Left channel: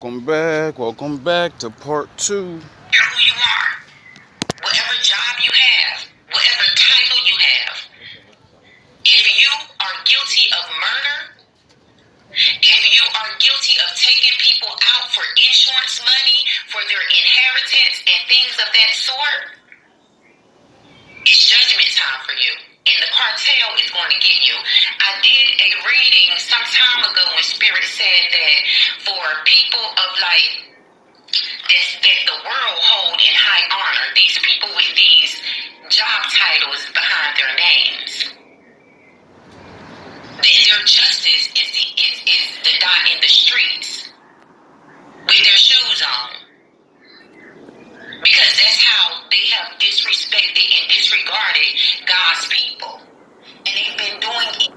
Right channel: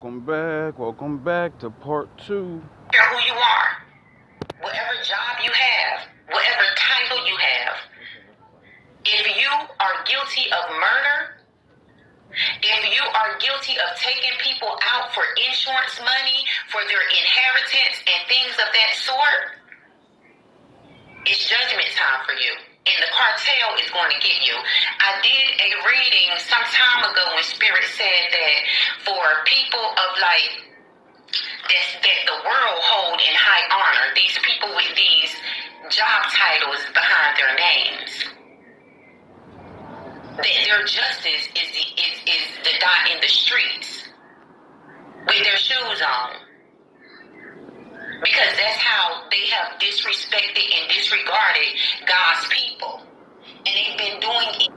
Welcome back to part two. Who you are, whatever job you have, whatever title you have. If you are guilty of murder, if you are guilty of taking people out for insurance money, for their inheritance and things of that sort, it's judgment time for you. And the cartel is going to get you. I did a reading some time ago when Spirit said that for people of that the world hold in high honor, these people with these job titles behind their names, that their justice is the die in the streets with their shoes on, because that's how they have disrespected and disregarded God's people, and they've been doing it.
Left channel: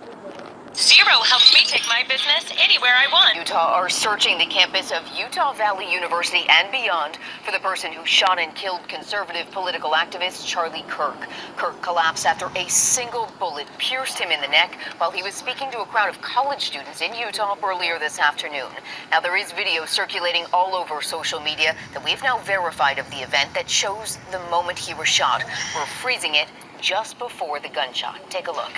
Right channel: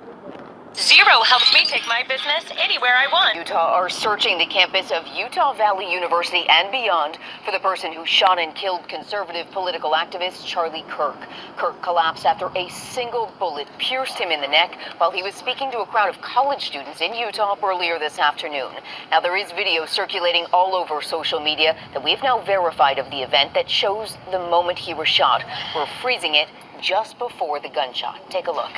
Zero helps me take my business anywhere I want. Utah are searching the campus of Utah Valley University and beyond for the person who shot and killed conservative political activist Charlie Kirk. Kirk collapsed after a single bullet pierced him in the neck while he was speaking to a crowd of college students in Utah earlier this afternoon. Now, there is video circulating all over social media that we've now verified of the event that shows the moment he was shot. We're freezing it just before the gunshot. Take a look.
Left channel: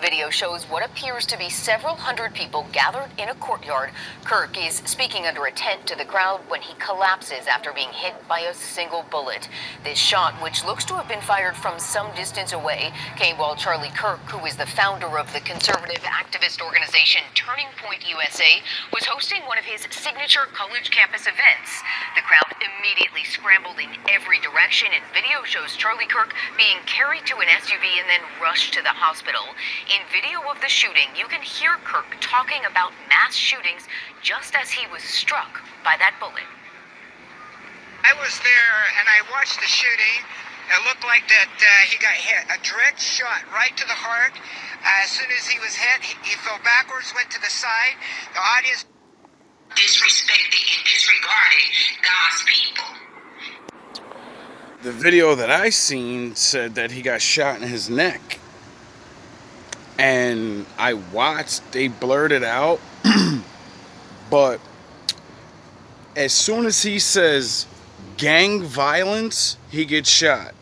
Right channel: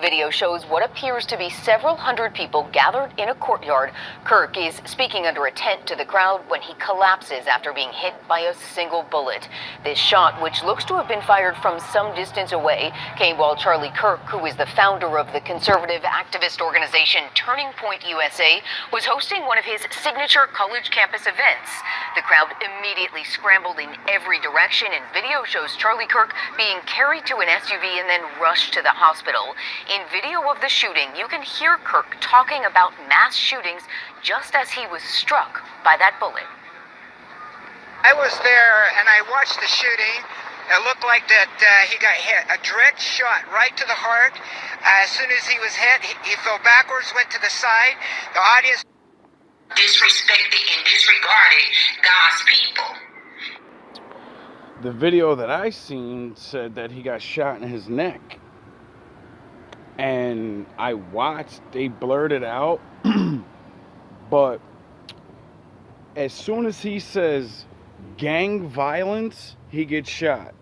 Video shows what appears to be several hundred people gathered in a courtyard. Kirk is speaking under a tent to the crowd when he collapses after being hit by a single bullet. This shot, which looks to have been fired from some distance away, came while Charlie Kirk, who is the founder of the conservative activist organization Turning Point USA, was hosting one of his signature college campus events. The crowd immediately scrambled in every direction, and video shows Charlie Kirk being carried to an SUV and then rushed to the hospital. In video of the shooting, you can hear Kirk talking about mass shootings just as he was struck by that bullet. I was there and I watched the shooting. It looked like that he got hit. A direct shot right to the heart. As soon as he was hit, he fell backwards, went to the side. The audience Disrespected and disregarded God's people. The video that I seen said that he got shot in his neck. And I watched, they blurred it out. But as soon as he says gang violence, he gets shot.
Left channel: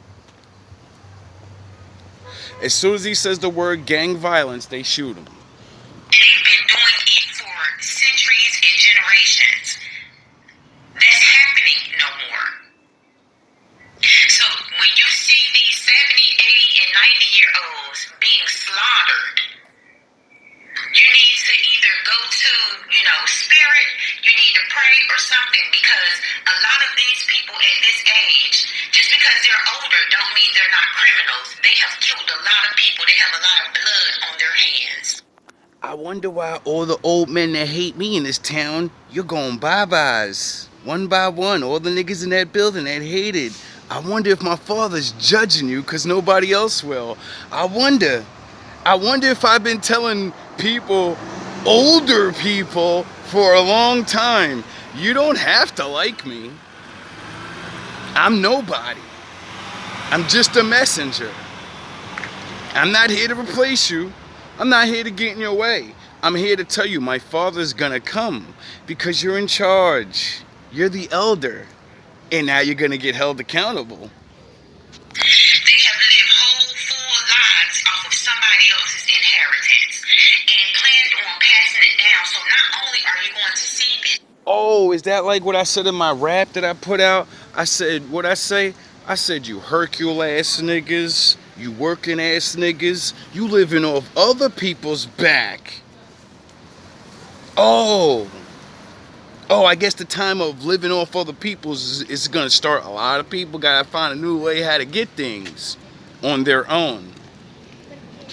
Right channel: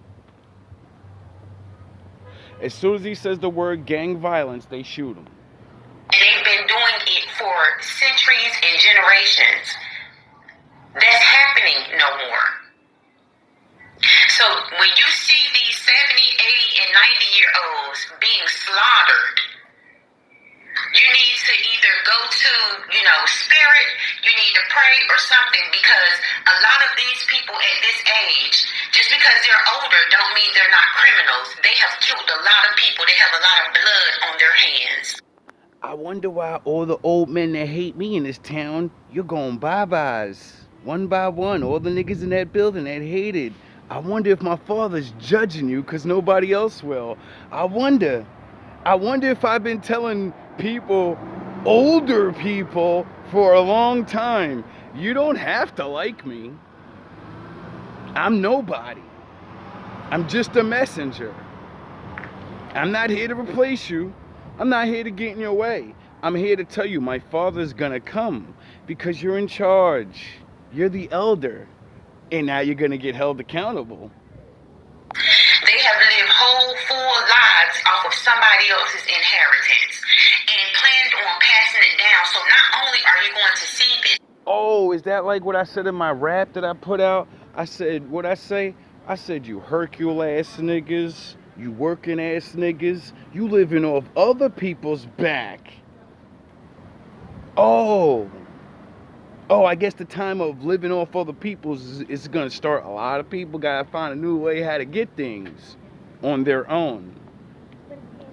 As soon as he says the word gang violence, they shoot him. And they've been doing it for centuries and generations. That's happening no more. So when you see these 70, 80, and 90-year-olds being slaughtered, you need to either go to, spirit, you need to pray or something, because a lot of these people at this age, just because they're older don't mean they're not criminals. They have killed a lot of people. They have a lot of blood on their hands. I wonder why all the old men that hate me in this town, you're going bye-byes. One by one, all the niggas in that building that hated. I wonder if my father's judging you because nobody else will. I wonder if I've been telling people, older people, for a long time, you don't have to like me. I'm nobody. I'm just a messenger. I'm not here to replace you. I'm not here to get in your way. I'm here to tell you my father's gonna come because you're in charge. You're the elder. And now you're gonna get held accountable. They have lived whole, full lives off of somebody else's inheritance and planned on passing it down. So not only are you going to see this. Oh, is that like what I said in my rap that I put out? I said, what'd I say? I said, you Hercule ass niggas, you working ass niggas, you living off other people's back. Oh, I guess the time of living off other people's is going to start. A lot of people got to find a new way how to get things on their own.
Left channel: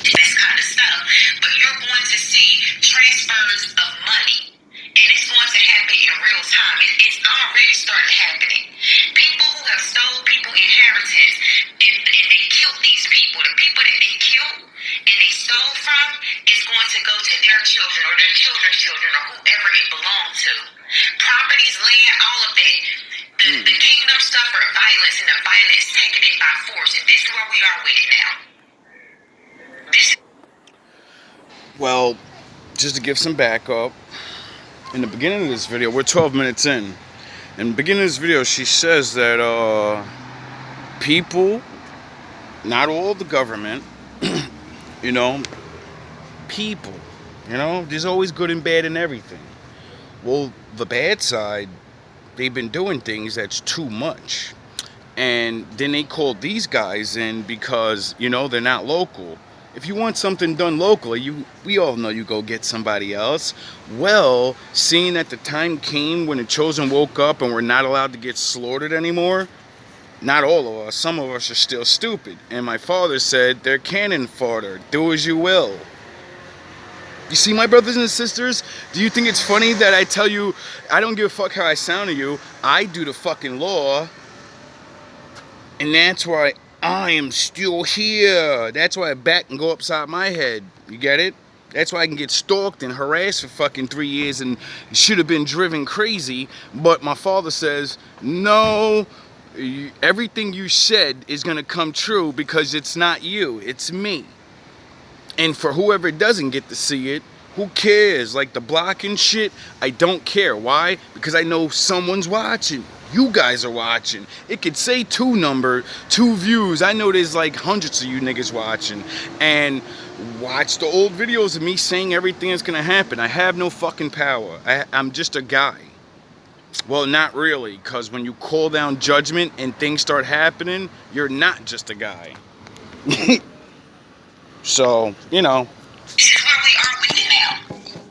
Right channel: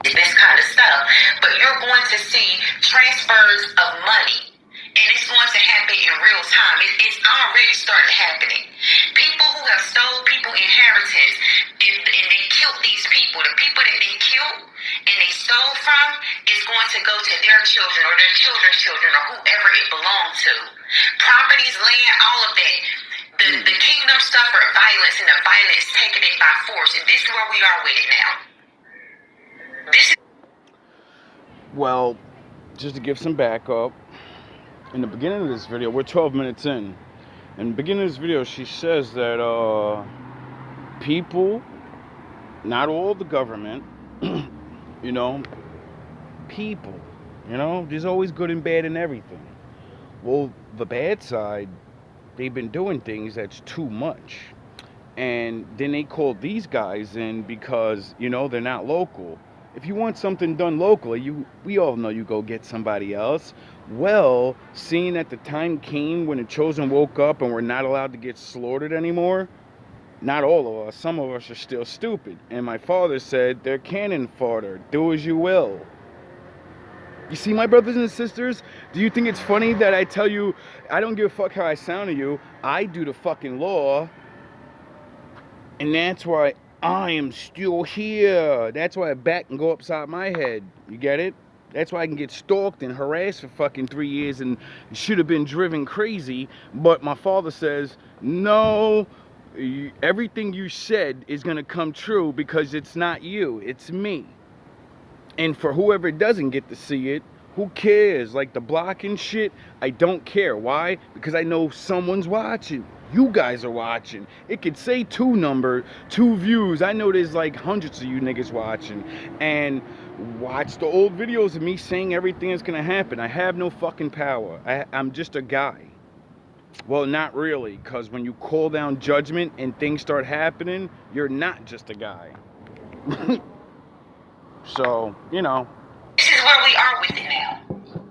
This kind of stuff. But you're going to see transfers of money. And it's going to happen in real time. It's already started happening. People who have stole people's inheritance and they killed these people. The people that they killed and they stole from is going to go to their children or their children's children or whoever it belonged to. Properties, land, all of that. The kingdom suffered violence and the violence taking it by force. And this is where we are with it now. Well, just to give some backup, in the beginning of this video, we're 12 minutes in. In the beginning of this video, she says that people, not all the government, you know, people, you know, there's always good and bad in everything. Well, the bad side, they've been doing things that's too much. And then they called these guys in because, you know, they're not local. If you want something done locally, we all know you go get somebody else. Well, seeing that the time came when the chosen woke up and we're not allowed to get slaughtered anymore, not all of us, some of us are still stupid. And my father said, they're cannon fodder, do as you will. You see, my brothers and sisters, do you think it's funny that I tell you, I don't give a fuck how I sound to you, I do the fucking law, and that's why I am still here. That's why I back and go upside my head. You get it? That's why I can get stalked and harassed for fucking 3 years and should have been driven crazy. But my father says, no, everything you said is going to come true because it's not you, it's me. And for whoever doesn't get to see it, who cares? Like the blocking shit, I don't care. Why? Because I know someone's watching. You guys are watching. It could say 2 views. I know there's like hundreds of you niggas watching. And watch the old videos of me saying everything that's gonna happen. I have no fucking power. I'm just a guy. Well, not really, because when you call down judgment and things start happening, you're not just a guy. So, you know. This is where we are with it now.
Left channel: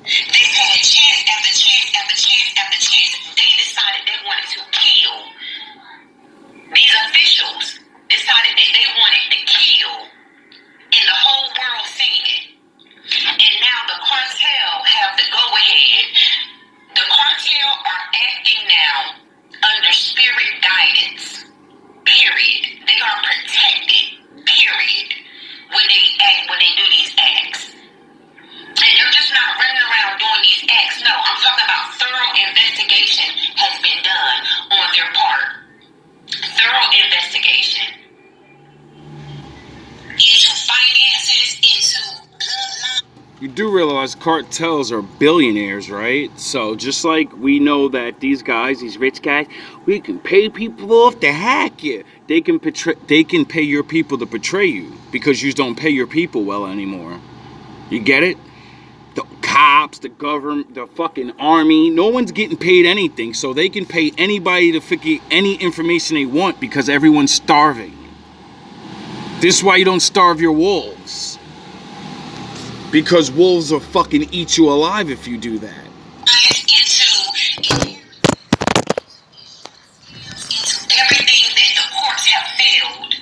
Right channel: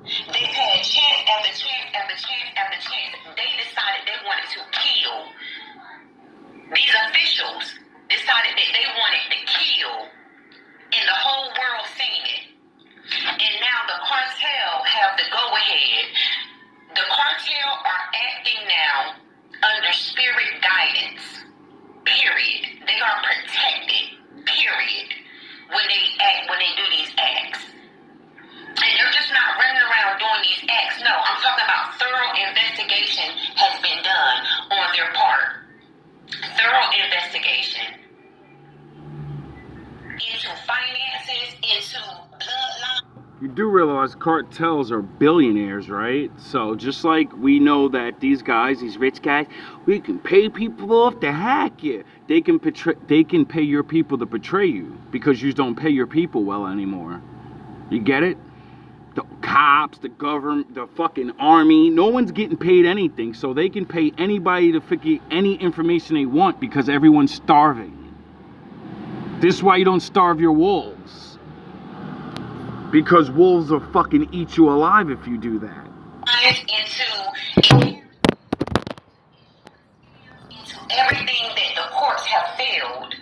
They've had chance after chance after chance after chance. They decided they wanted to kill. These officials decided that they wanted to kill. And the whole world seen it. And now the cartel have the go-ahead. The cartel are acting now under spirit guidance. Period. They are protected. Period. When they do these acts. And they're just not running around doing these acts. No, I'm talking about thorough investigation has been done on their part. Thorough investigation. Into finances, into bloodline. You do realize cartels are billionaires, right? So just like we know that these guys, these rich guys, we can pay people off to hack you. They can pay your people to betray you because you don't pay your people well anymore. You get it? The cops, the government, the fucking army, no one's getting paid anything, so they can pay anybody to figure any information they want because everyone's starving. This is why you don't starve your wolves. Because wolves will fucking eat you alive if you do that. Into everything that the courts have failed.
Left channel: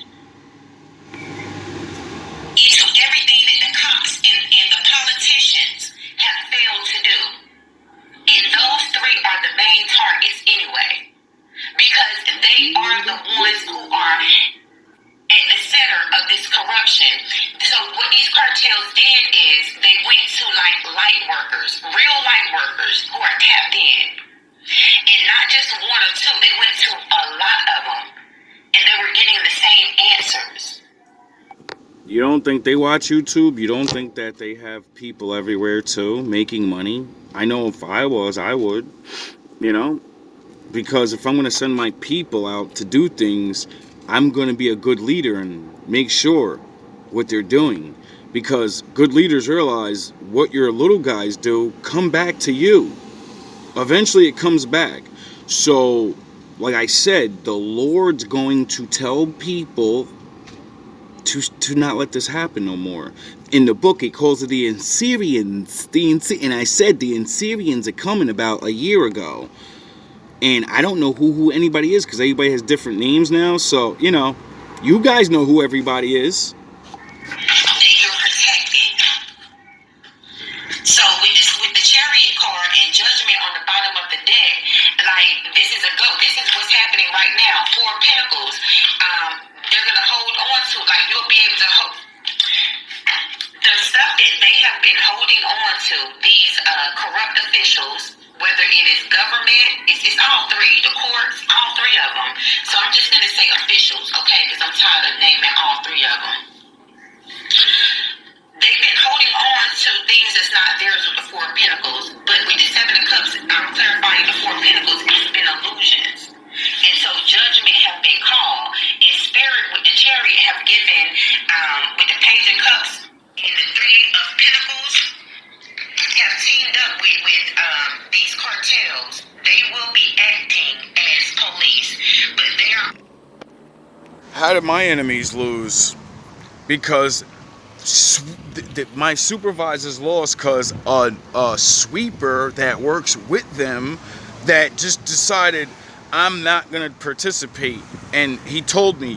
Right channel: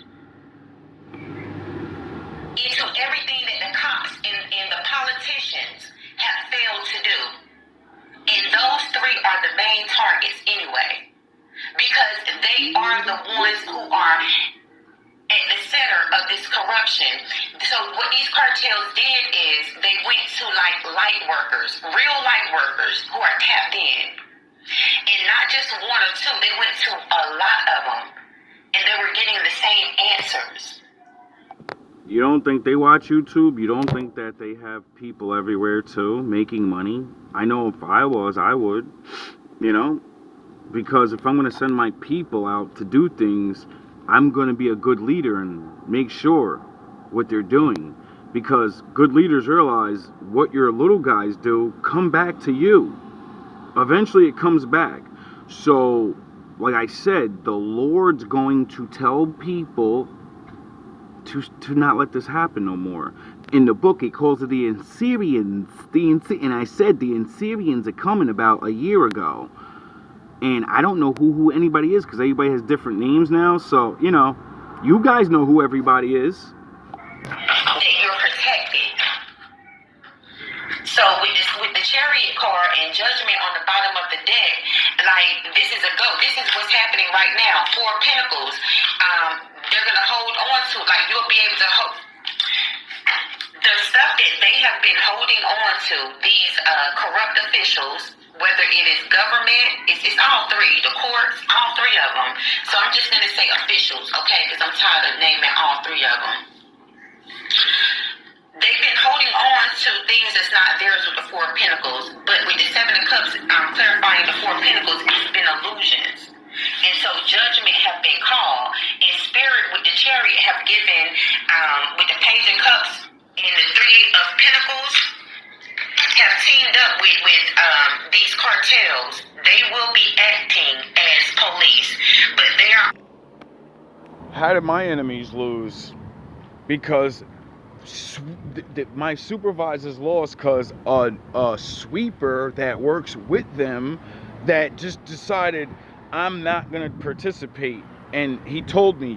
Into everything that the cops and the politicians have failed to do. And those 3 are the main targets anyway. Because they are the ones who are at the center of this corruption. So what these cartels did is they went to like light workers, real light workers who are tapped in. And not just 1 or 2, they went to a lot of them. And they were getting the same answers. You don't think they watch YouTube? You don't think that they have people everywhere too, making money? I know if I was, I would, you know? Because if I'm going to send my people out to do things, I'm going to be a good leader and make sure what they're doing. Because good leaders realize what your little guys do come back to you. Eventually it comes back. So, like I said, the Lord's going to tell people to not let this happen no more. In the book, it calls it the Assyrians. And I said the Assyrians are coming about a year ago. And I don't know who anybody is because everybody has different names now. So, you know, you guys know who everybody is. That you're protected. So with the chariot car and judgment on the bottom of the deck, like this is a go. This is what's happening right now. 4 Pentacles. They're gonna hold on to, like you'll be able to hold the stuff that they have been holding on to. These corrupt officials. Whether it is government, it's all 3, the courts, all 3 of them. So I'm just going to say officials, okay, because I'm tired of naming all 3 of them. They've been holding on to things that's not theirs with the 4 of Pentacles, but with the 7 of Cups, still be acting as police, but they are. How did my enemies lose? Because my supervisors lost because a sweeper that works with them that just decided I'm not gonna participate, and he told me,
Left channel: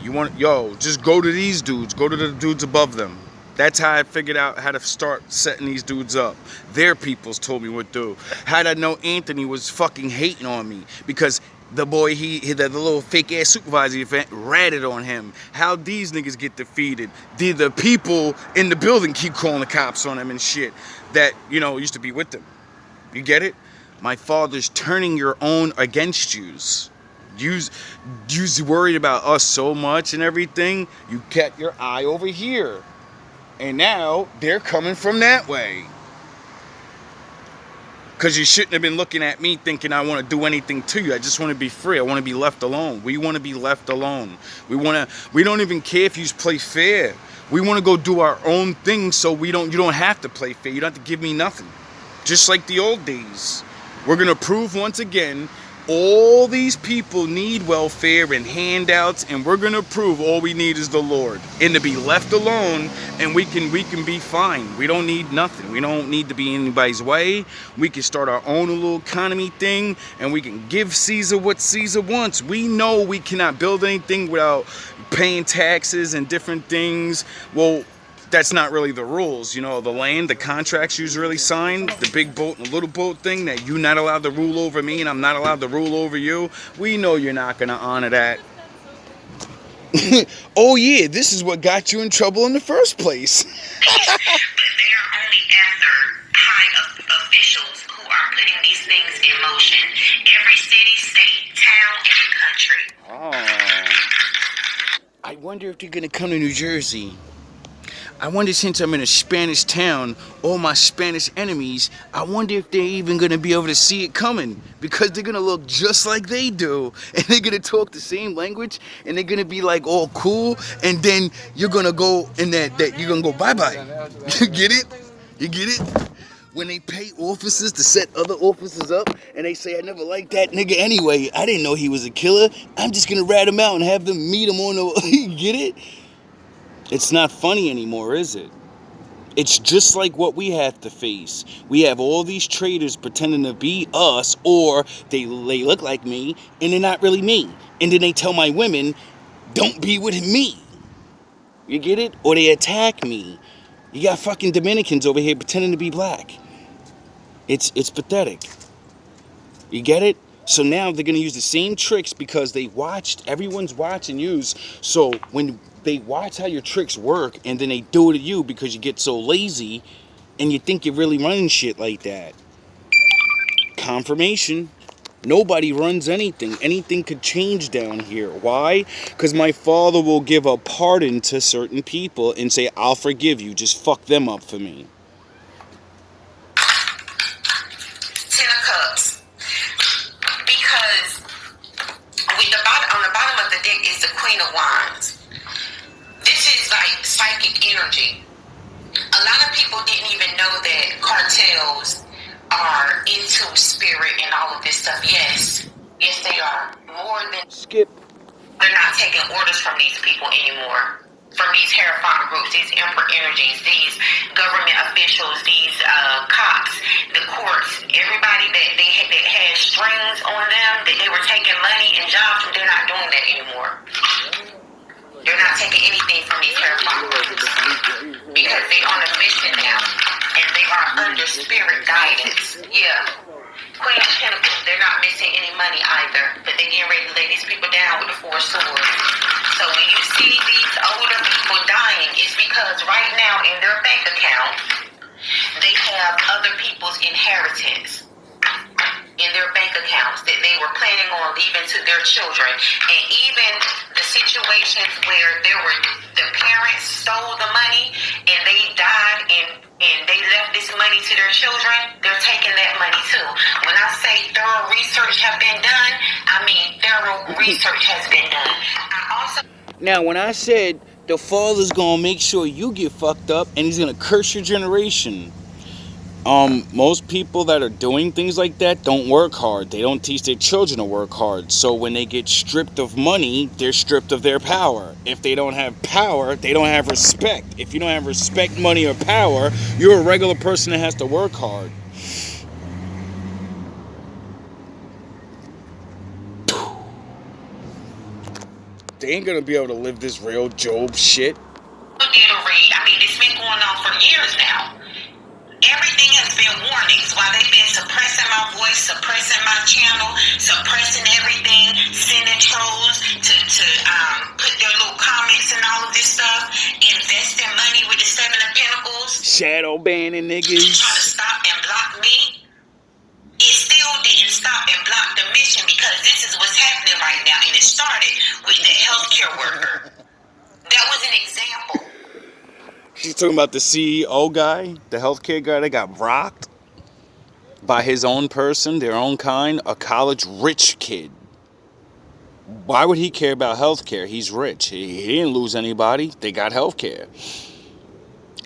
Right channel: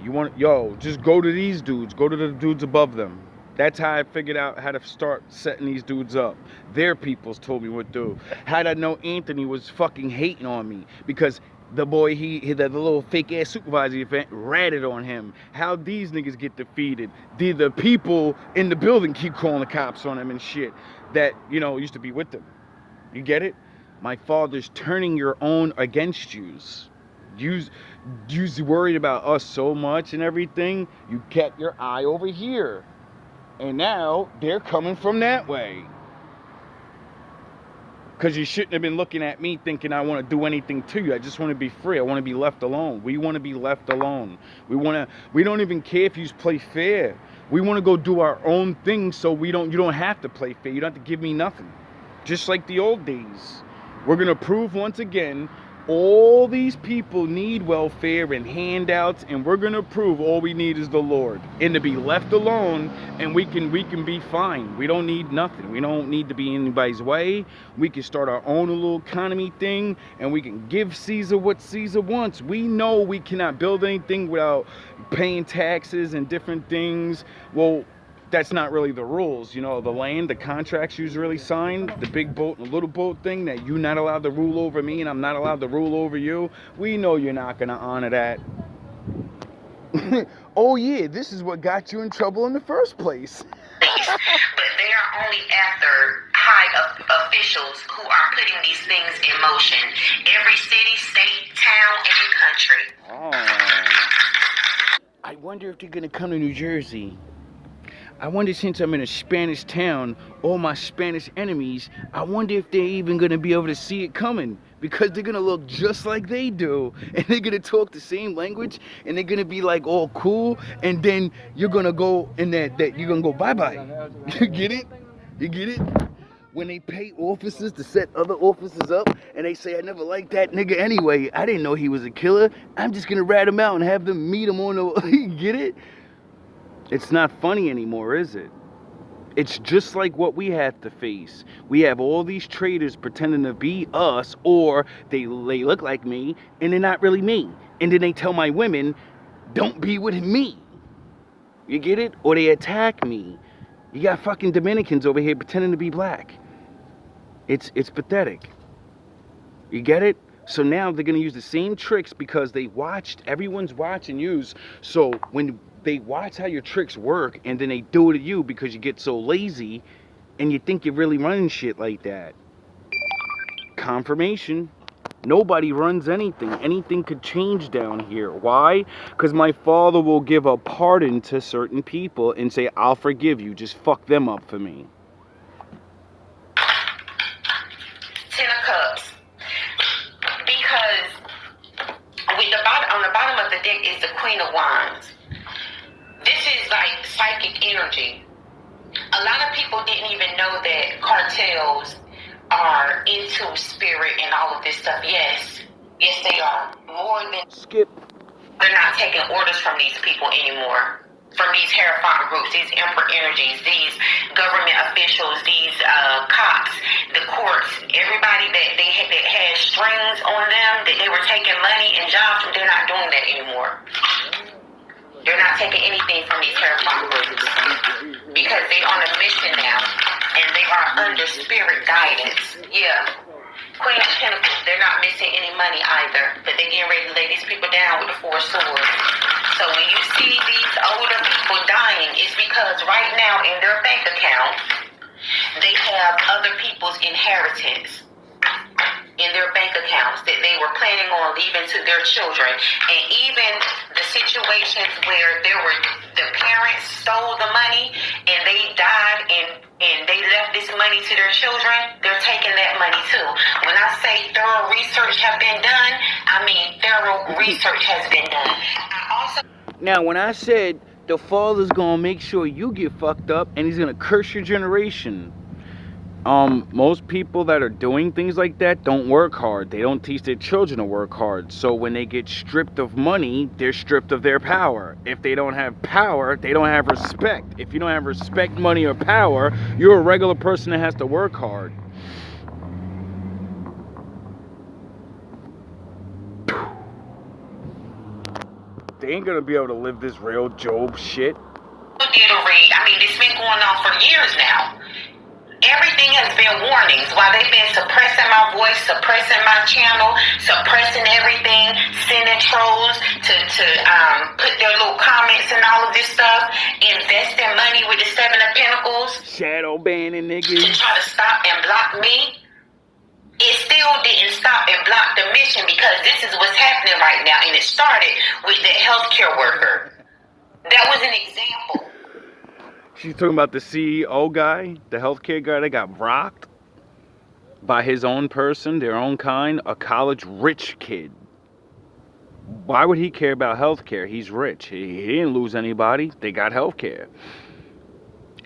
just go to these dudes, go to the dudes above them. That's how I figured out how to start setting these dudes up. Their peoples told me what to do. How'd I know Anthony was fucking hating on me? Because the boy, the little fake ass supervisor event ratted on him. How these niggas get defeated? Did the people in the building keep calling the cops on him and shit that, used to be with them? You get it? My father's turning your own against yous. You's worried about us so much and everything. You kept your eye over here. And now they're coming from that way. Because you shouldn't have been looking at me thinking I want to do anything to you. I just want to be free. I want to be left alone. We want to be left alone. We don't even care if you play fair. We want to go do our own thing so you don't have to play fair. You don't have to give me nothing. Just like the old days. We're going to prove once again all these people need welfare and handouts, and we're going to prove all we need is the Lord. And to be left alone, and we can be fine. We don't need nothing. We don't need to be in anybody's way. We can start our own little economy thing, and we can give Caesar what Caesar wants. We know we cannot build anything without paying taxes and different things. Well, that's not really the rules. The land, the contracts you really signed, the big boat and the little boat thing, that you're not allowed to rule over me and I'm not allowed to rule over you. We know you're not going to honor that. Oh yeah, this is what got you in trouble in the first place. But they are only after high officials who are putting these things in motion. Every city, state, town, and country. Oh. I wonder if they're going to come to New Jersey. I wonder, since I'm in a Spanish town, all my Spanish enemies, I wonder if they're even going to be able to see it coming, because they're going to look just like they do, and they're going to talk the same language, and they're going to be like all cool, and then you're going to go in that you're going to go bye-bye. You get it? You get it? When they pay officers to set other officers up, and they say, I never liked that nigga anyway, I didn't know he was a killer, I'm just going to rat him out and have them meet him on the... You get it? It's not funny anymore, is it? It's just like what we have to face. We have all these traitors pretending to be us, or they look like me, and they're not really me. And then they tell my women, don't be with me. You get it? Or they attack me. You got fucking Dominicans over here pretending to be black. It's pathetic. You get it? So now they're going to use the same tricks because everyone's watching you. So when they watch how your tricks work, and then they do it to you because you get so lazy and you think you're really running shit like that. Confirmation. Nobody runs anything. Anything could change down here. Why? Because my father will give a pardon to certain people and say, I'll forgive you. Just fuck them up for me. Ten of Cups. Because on the bottom of the deck is the Queen of Wands. This is like psychic energy. A lot of people didn't even know that cartels are into spirit and all of this stuff. Yes, they are. More than Skip. They're not taking orders from these people anymore. From these Hierophant groups, these emperor energies, these government officials, these cops, the courts, everybody that had strings on them, that they were taking money and jobs, they're not doing that anymore. They're not taking anything from these Hierophant groups because they're on a mission now, and they are under spirit guidance. Yeah. Queen of Pentacles, they're not missing any money either, but they're getting ready to lay these people down with the Four Swords. So when you see these older people dying, it's because right now in their bank account, they have other people's inheritance in their bank accounts that they were planning on leaving to their children. And even the situations where the parents stole the money and they died and they left this money to their children, they're taking that money too. When I say thorough research have been done, I mean thorough research has been done. Now, when I said the father's gonna make sure you get fucked up and he's gonna curse your generation, Most people that are doing things like that don't work hard. They don't teach their children to work hard. So when they get stripped of money, they're stripped of their power. If they don't have power, they don't have respect. If you don't have respect, money, or power, you're a regular person that has to work hard. They ain't gonna be able to live this real Job shit. I mean, it's been going on for years now. Everything has been warnings while they've been suppressing my voice, suppressing my channel, suppressing everything, sending trolls to put their little comments and all of this stuff, investing money with the Seven of Pentacles, shadow banning to niggas, try to stop and block me. It still didn't stop and block the mission, because this is what's happening right now, and it started with the healthcare worker. That was an example. She's talking about the CEO guy, the healthcare guy that got rocked by his own person, their own kind, a college rich kid. Why would he care about healthcare? He's rich. He didn't lose anybody. They got healthcare.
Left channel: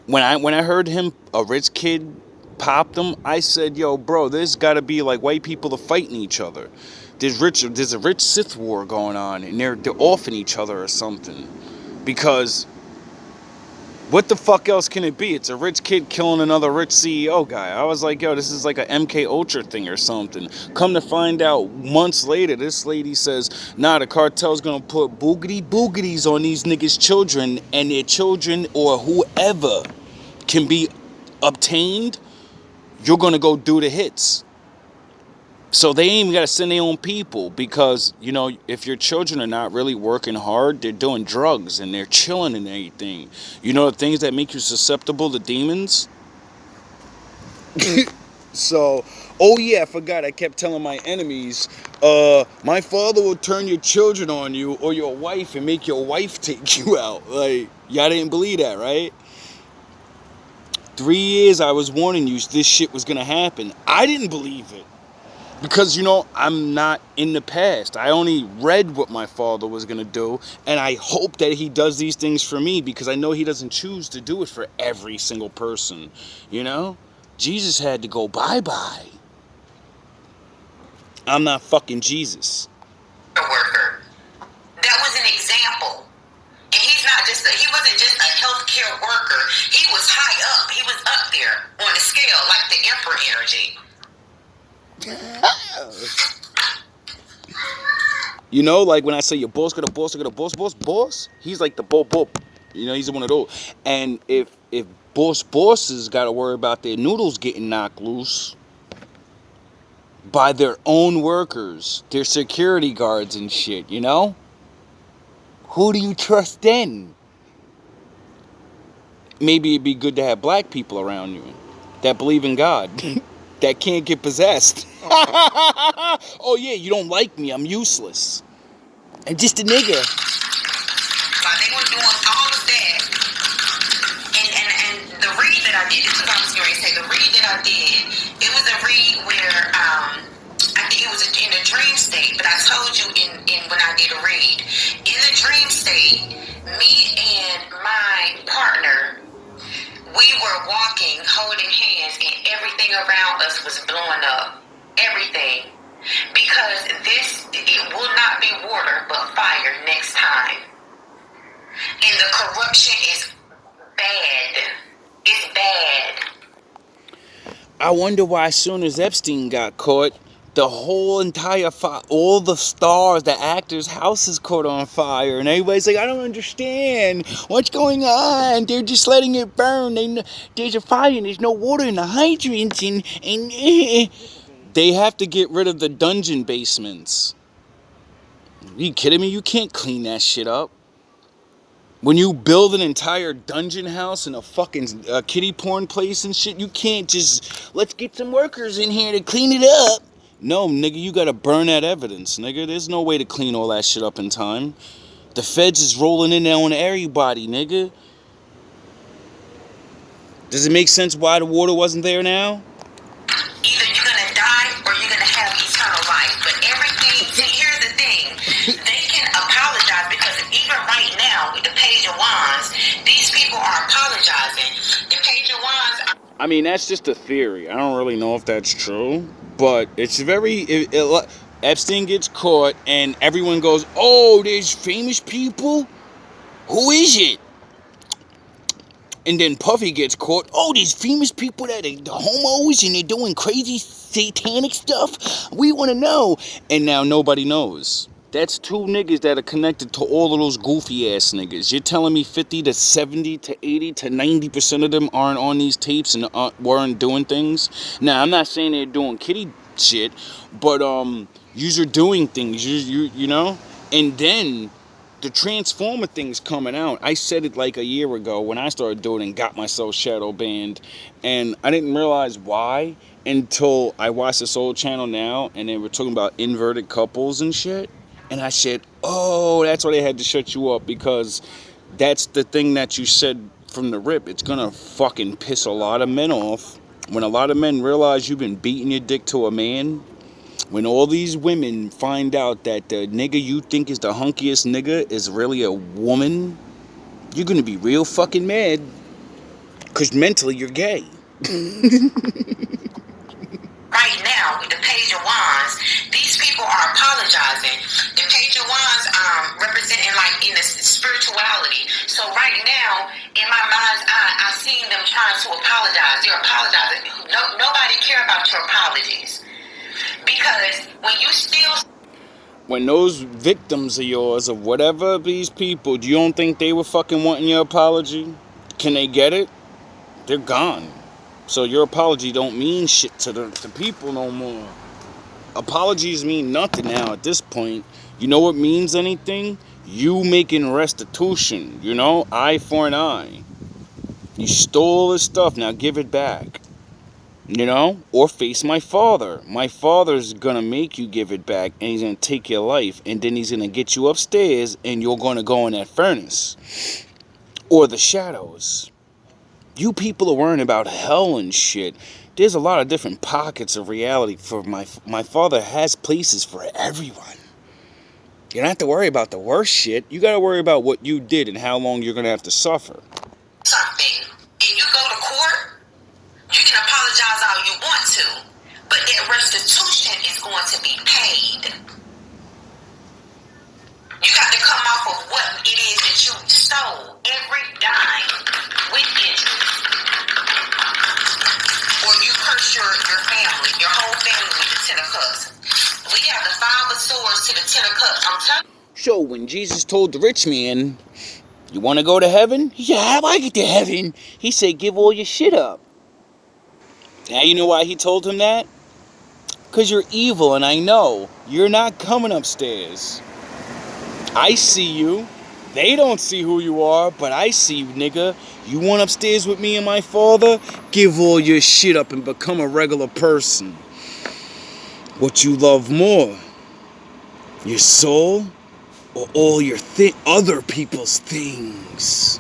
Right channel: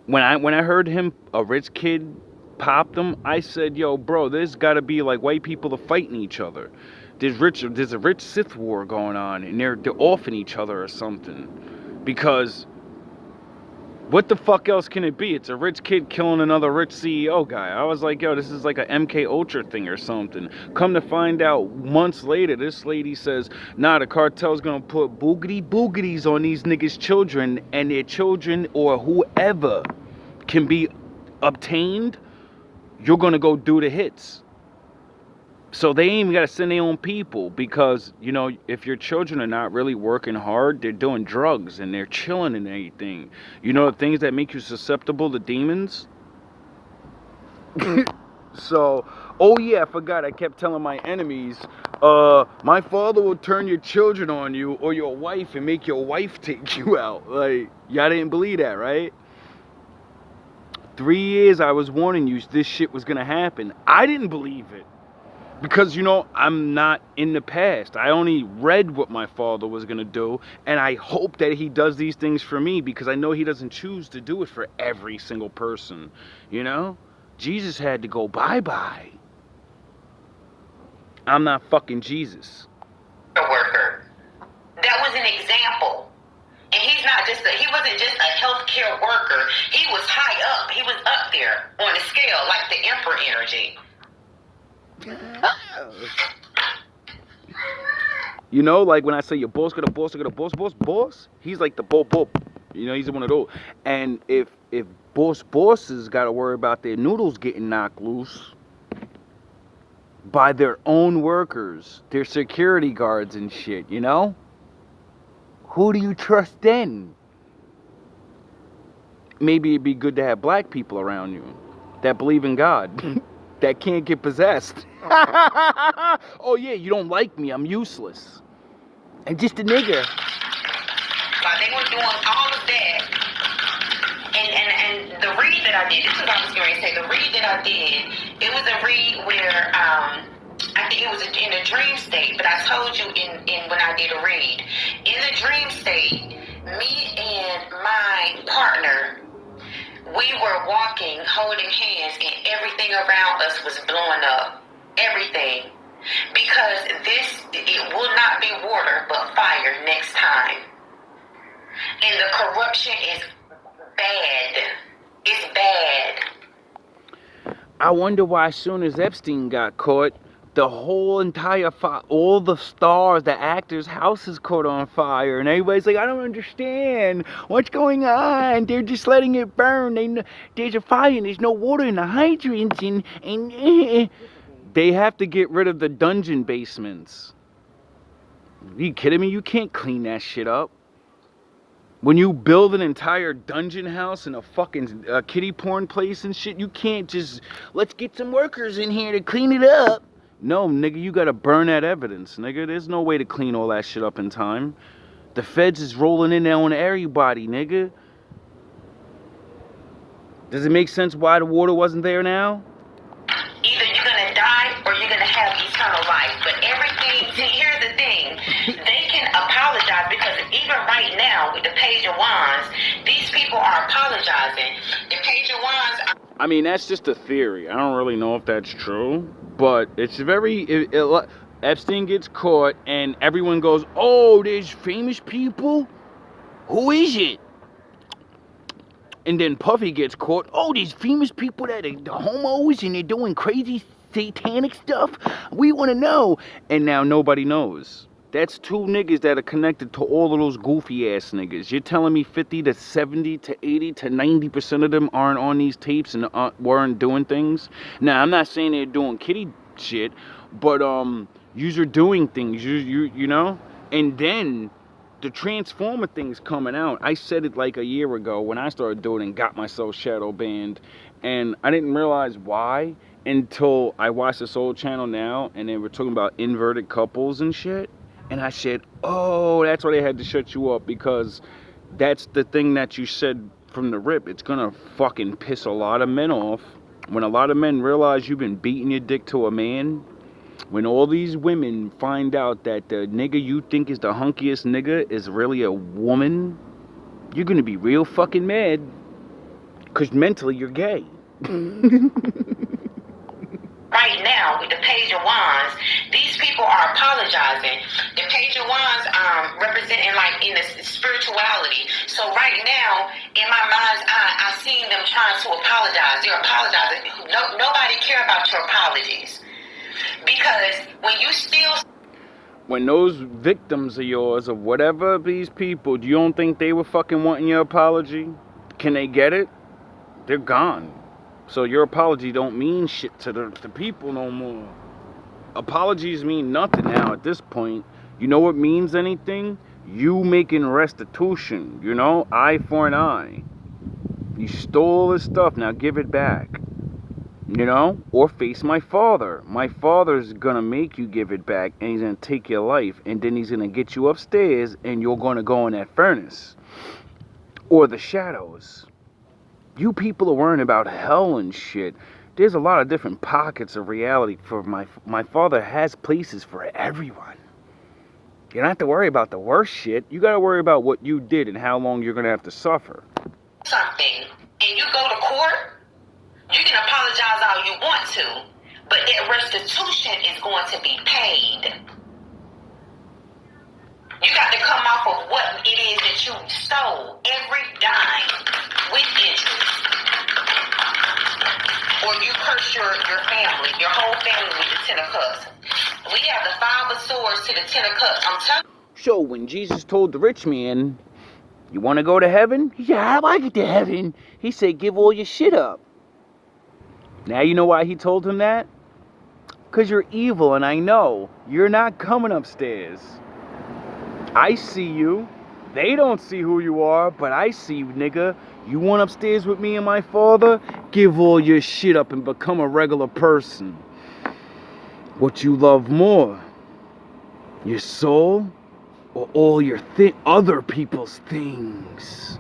When I heard him, a rich kid popped him, I said, yo, bro, there's got to be like white people are fighting each other. There's a rich Sith war going on, and they're offing each other or something. Because what the fuck else can it be? It's a rich kid killing another rich CEO guy. I was like, yo, this is like a MK Ultra thing or something. Come to find out, months later, this lady says, nah, the cartel's gonna put boogities on these niggas' children, and their children or whoever can be obtained, you're gonna go do the hits. So they ain't even got to send their own people, because, you know, if your children are not really working hard, they're doing drugs and they're chilling and everything. You know the things that make you susceptible to demons? So, oh yeah, I forgot. I kept telling my enemies, my father will turn your children on you or your wife and make your wife take you out. Like, y'all didn't believe that, right? 3 years I was warning you this shit was going to happen. I didn't believe it. Because, you know, I'm not in the past. I only read what my father was going to do, and I hope that he does these things for me, because I know he doesn't choose to do it for every single person, you know? Jesus had to go bye-bye. I'm not fucking Jesus. Worker. That was an example. And he wasn't just a healthcare worker. He was high up. He was up there on the scale, like the Emperor energy. You know, like when I say your boss got a boss, I got a boss, he's like the bo. You know, he's one of those. And if bosses got to worry about their noodles getting knocked loose by their own workers, their security guards and shit, you know, who do you trust then? Maybe it'd be good to have black people around you that believe in God. That can't get possessed. Oh yeah, you don't like me, I'm useless. And just a nigga. But they were doing all of that. And the read that I did, this is what I was going to say, the read that I did, it was a read where, I think it was in a dream state, but I told you in when I did a read. In the dream state, me and my partner, we were walking, holding hands, and everything around us was blowing up. Everything. Because it will not be water, but fire next time. And the corruption is bad. It's bad. I wonder why as soon as Epstein got caught, the whole entire all the stars, the actors' houses caught on fire, and everybody's like, I don't understand what's going on. They're just letting it burn. There's a fire and there's no water in the hydrants, and they have to get rid of the dungeon basements. Are you kidding me? You can't clean that shit up. When you build an entire dungeon house and a fucking kiddie porn place and shit, you can't just, let's get some workers in here to clean it up. No, nigga, you gotta burn that evidence, nigga. There's no way to clean all that shit up in time. The feds is rolling in there on everybody, nigga. Does it make sense why the water wasn't there now? Either you're gonna die or you're gonna have eternal life. But everything, see, here's the thing. They can apologize, because even right now with the Page of Wands, these people are apologizing. The Page of Wands I mean, that's just a theory. I don't really know if that's true, but it's very. Epstein gets caught, and everyone goes, "Oh, there's famous people. Who is it?" And then Puffy gets caught. "Oh, there's famous people that are the homos and they're doing crazy satanic stuff. We want to know." And now nobody knows. That's two niggas that are connected to all of those goofy ass niggas. You're telling me 50 to 70 to 80 to 90% of them aren't on these tapes and weren't doing things? Now, I'm not saying they're doing kitty shit, but yous are doing things, you know? And then the Transformer thing's coming out. I said it like a year ago when I started doing it and got myself shadow banned. And I didn't realize why until I watched this old channel now and they were talking about inverted couples and shit. And I said, oh, that's why they had to shut you up, because that's the thing that you said from the rip. It's gonna fucking piss a lot of men off. When a lot of men realize you've been beating your dick to a man, when all these women find out that the nigga you think is the hunkiest nigga is really a woman, you're gonna be real fucking mad. Because mentally you're gay. Right now, with the Page of Wands, these people are apologizing. The Page of Wands representing like in the spirituality. So right now, in my mind's eye, I seen them trying to apologize. They're apologizing. Nobody care about your apologies. Because when you still... When those victims of yours, of whatever these people, you don't think they were fucking wanting your apology? Can they get it? They're gone. So your apology don't mean shit to the people no more. Apologies mean nothing now at this point. You know what means anything? You making restitution, you know? Eye for an eye. You stole his stuff, now give it back. You know? Or face my father. My father's gonna make you give it back, and he's gonna take your life, and then he's gonna get you upstairs, and you're gonna go in that furnace. Or the shadows. You people are worrying about hell and shit. There's a lot of different pockets of reality for my father has places for everyone. You don't have to worry about the worst shit. You gotta worry about what you did and how long you're gonna have to suffer. Something, and you go to court, you can apologize all you want to, but that restitution is going to be paid. You got to come off of what it is that you stole, every dime, with interest. Or you curse your family, your whole family with the 10 of cups. We have the 5 of swords to the 10 of cups. I'm telling you. So when Jesus told the rich man, you want to go to heaven? Yeah, how do I get to heaven? He said, give all your shit up. Now you know why he told him that? Because you're evil, and I know you're not coming upstairs. I see you. They don't see who you are, but I see you, nigga. You want upstairs with me and my father? Give all your shit up and become a regular person. What you love more? Your soul? Or all your other people's things?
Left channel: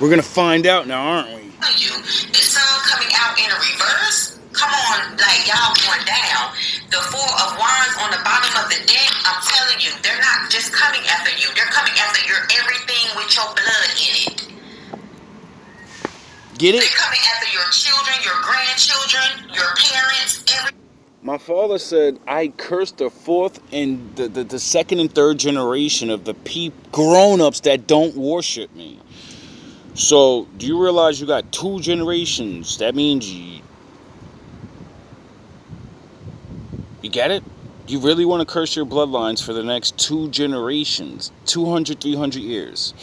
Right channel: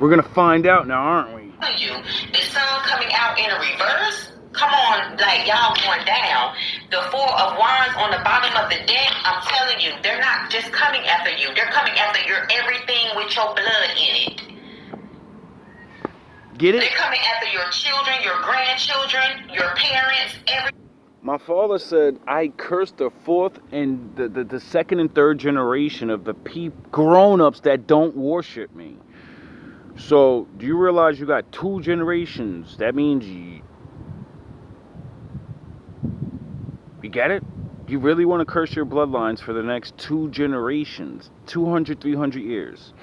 We're gonna find out now, aren't we? You, the sun coming out in a reverse. Come on, like y'all going down. The 4 of Wands on the bottom of the deck. I'm telling you, they're not just coming after you. They're coming after your everything with your blood in it. Get it? They're coming after your children, your grandchildren, your parents, My father said I cursed the 4th and the 2nd and 3rd generation of the grown-ups that don't worship me. So, do you realize you got 2 generations? That means you get it? You really want to curse your bloodlines for the next 2 generations, 200, 300 years.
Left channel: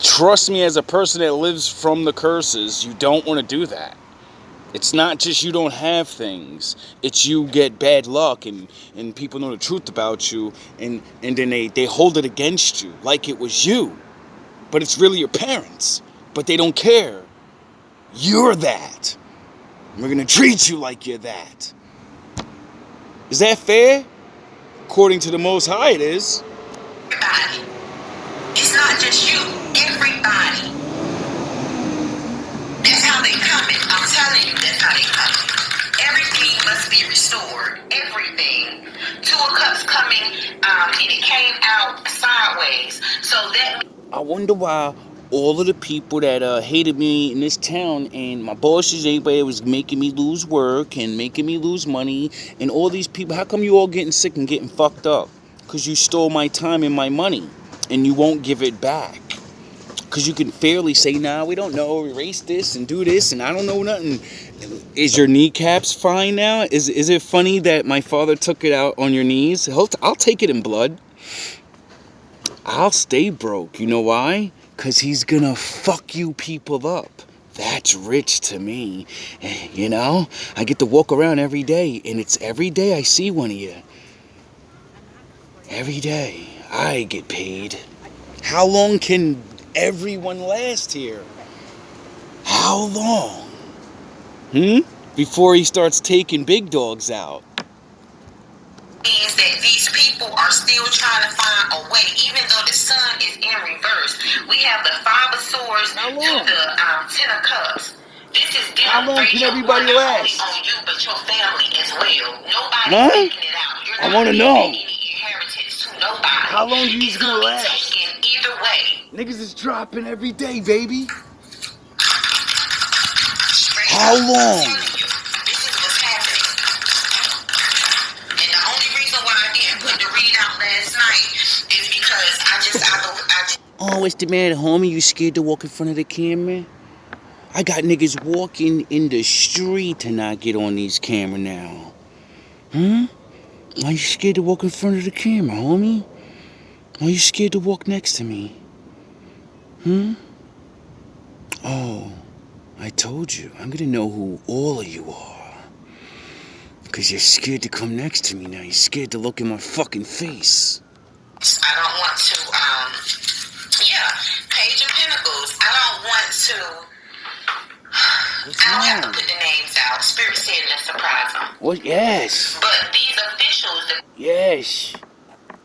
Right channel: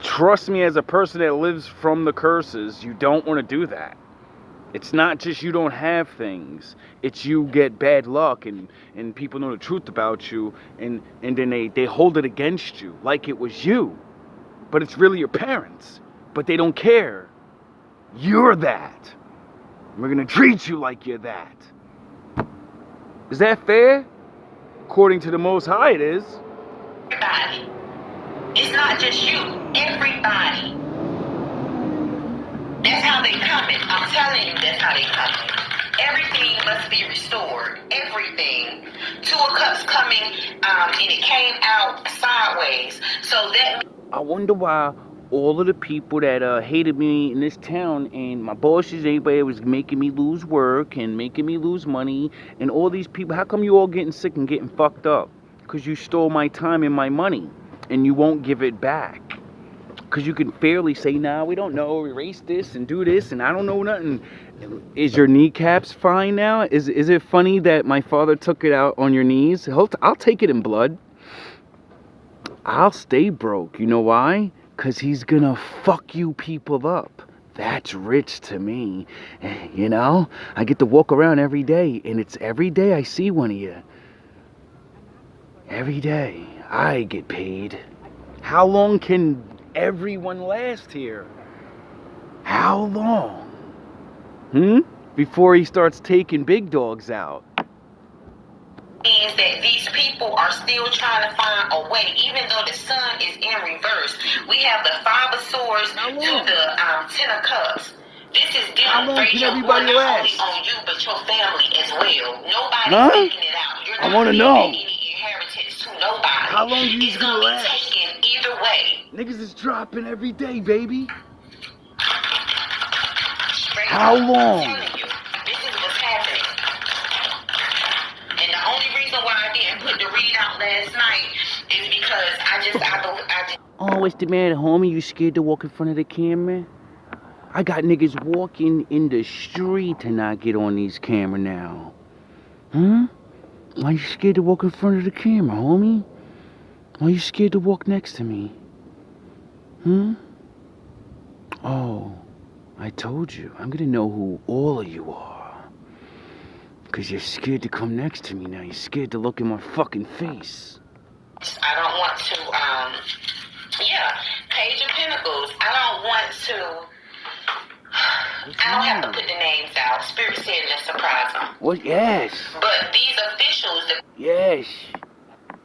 Trust me, as a person that lives from the curses, you don't want to do that. It's not just you don't have things. It's you get bad luck and people know the truth about you and then they hold it against you like it was you. But it's really your parents. But they don't care. You're that. We're going to treat you like you're that. Is that fair? According to the Most High, it is. everybody. It's not just you, everybody. That's how they coming. I'm telling you, that's how they coming. Everything must be restored. Everything. 2 of Cups coming, and it came out sideways. So that... I wonder why all of the people that hated me in this town, and my bosses, everybody was making me lose work and making me lose money, and all these people. How come you all getting sick and getting fucked up? Because you stole my time and my money, and you won't give it back. Because you can fairly say, nah, we don't know, erase this and do this, and I don't know nothing. Is your kneecaps fine now? Is it funny that my father took it out on your knees? I'll take it in blood. I'll stay broke. You know why? Because he's gonna fuck you people up. That's rich to me. You know? I get to walk around every day, and it's every day I see one of you. Every day. I get paid. How long can everyone last here? How long? Before he starts taking big dogs out. Means that these people are still trying to find a way, even though the sun is in reverse. We have the Five of Swords to the Ten of Cups. This is How long can everybody not last? only on you, but your family as well. Nobody's making it out. You're I not want to leaving know. any inheritance to nobody. How long you it's gonna gonna last? be taken either way. Niggas is dropping every day, baby. Straight How up, long? I'm telling you, this is what's happening. And the only reason why I didn't put the readout last night is because I just. Oh, what's the matter, homie? You scared to walk in front of the camera? I got niggas walking in the street to not get on these camera now. Why you scared to walk in front of the camera, homie? Why you scared to walk next to me? Oh, I told you. I'm gonna know who all of you are. Because you're scared to come next to me now. You're scared to look in my fucking face. I don't want to, Page of Pentacles. I don't want to. I don't have to put the names out. Spirit said let's surprise them. What? Yes. But these officials. Yes.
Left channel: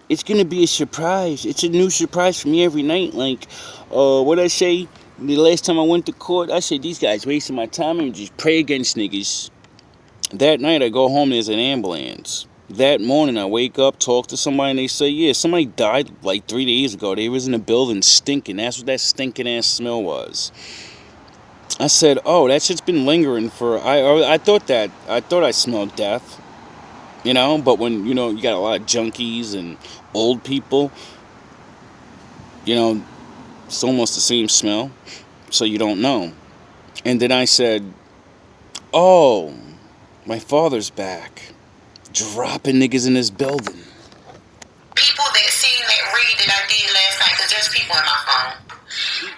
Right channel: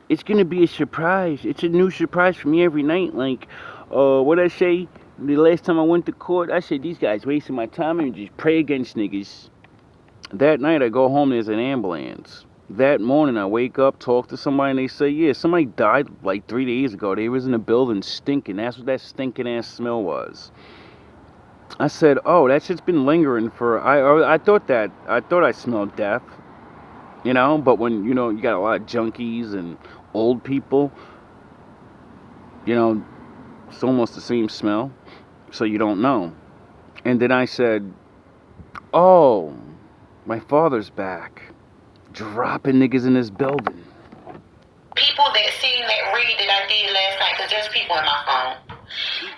It's gonna be a surprise. It's a new surprise for me every night. Like, what I say, the last time I went to court, I said, these guys wasting my time and just pray against niggas. That night I go home, there's an ambulance. That morning I wake up, talk to somebody, and they say, yeah, somebody died like 3 days ago. They was in a building stinking. That's what that stinking ass smell was. I said, oh, that shit's been lingering for, I thought I smelled death. You know, but when, you know, you got a lot of junkies and old people, you know, it's almost the same smell. So you don't know. And then I said, oh, my father's back. Dropping niggas in this building. People that seen that read that I did last night, because there's people in my phone.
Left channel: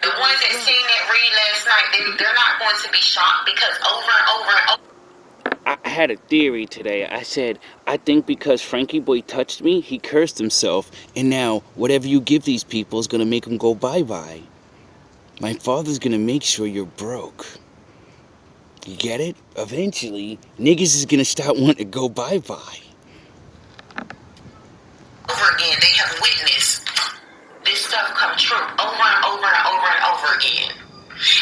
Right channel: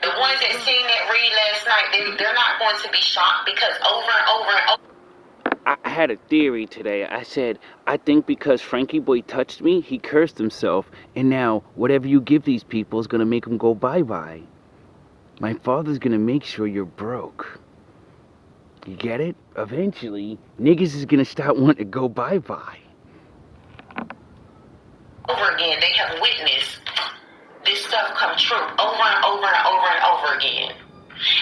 The ones that seen that read last night, they're not going to be shocked because over and over and over. I had a theory today. I said, I think because Frankie Boy touched me, he cursed himself. And now, whatever you give these people is going to make them go bye-bye. My father's going to make sure you're broke. You get it? Eventually, niggas is going to start wanting to go bye-bye. Over again, they have witnessed this stuff come true over and over and over and over again.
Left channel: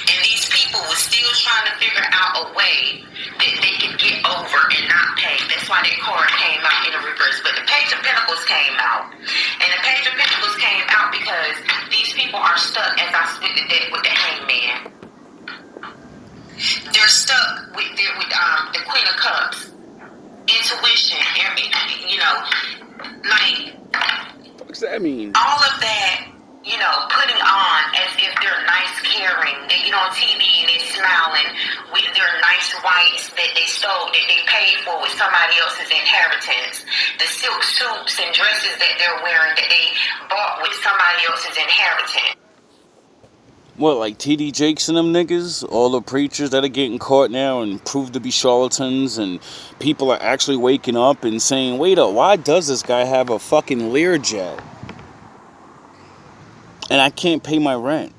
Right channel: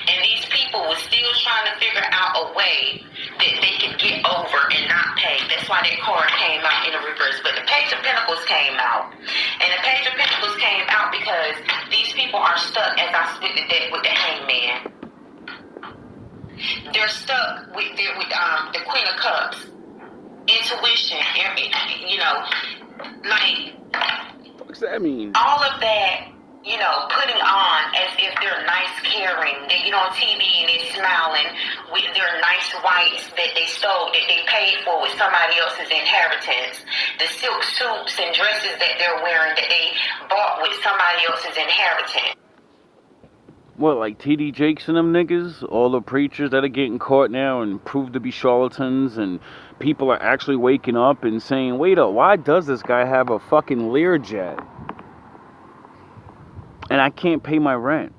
And these people were still trying to figure out a way that they could get over and not pay. That's why that card came out in the reverse. But the Page of Pentacles came out. And the Page of Pentacles came out because these people are stuck, as I split the deck with the Hangman. They're stuck with the Queen of Cups. Intuition, you know, like... What does that mean? All of that, you know, putting on as if they're nice, caring. They get on TV and they're smiling with their nice whites that they stole, that they paid for with somebody else's inheritance. The silk suits and dresses that they're wearing that they bought with somebody else's inheritance. What, like T.D. Jakes and them niggas? All the preachers that are getting caught now and proved to be charlatans, and people are actually waking up and saying, wait up, why does this guy have a fucking Learjet? And I can't pay my rent.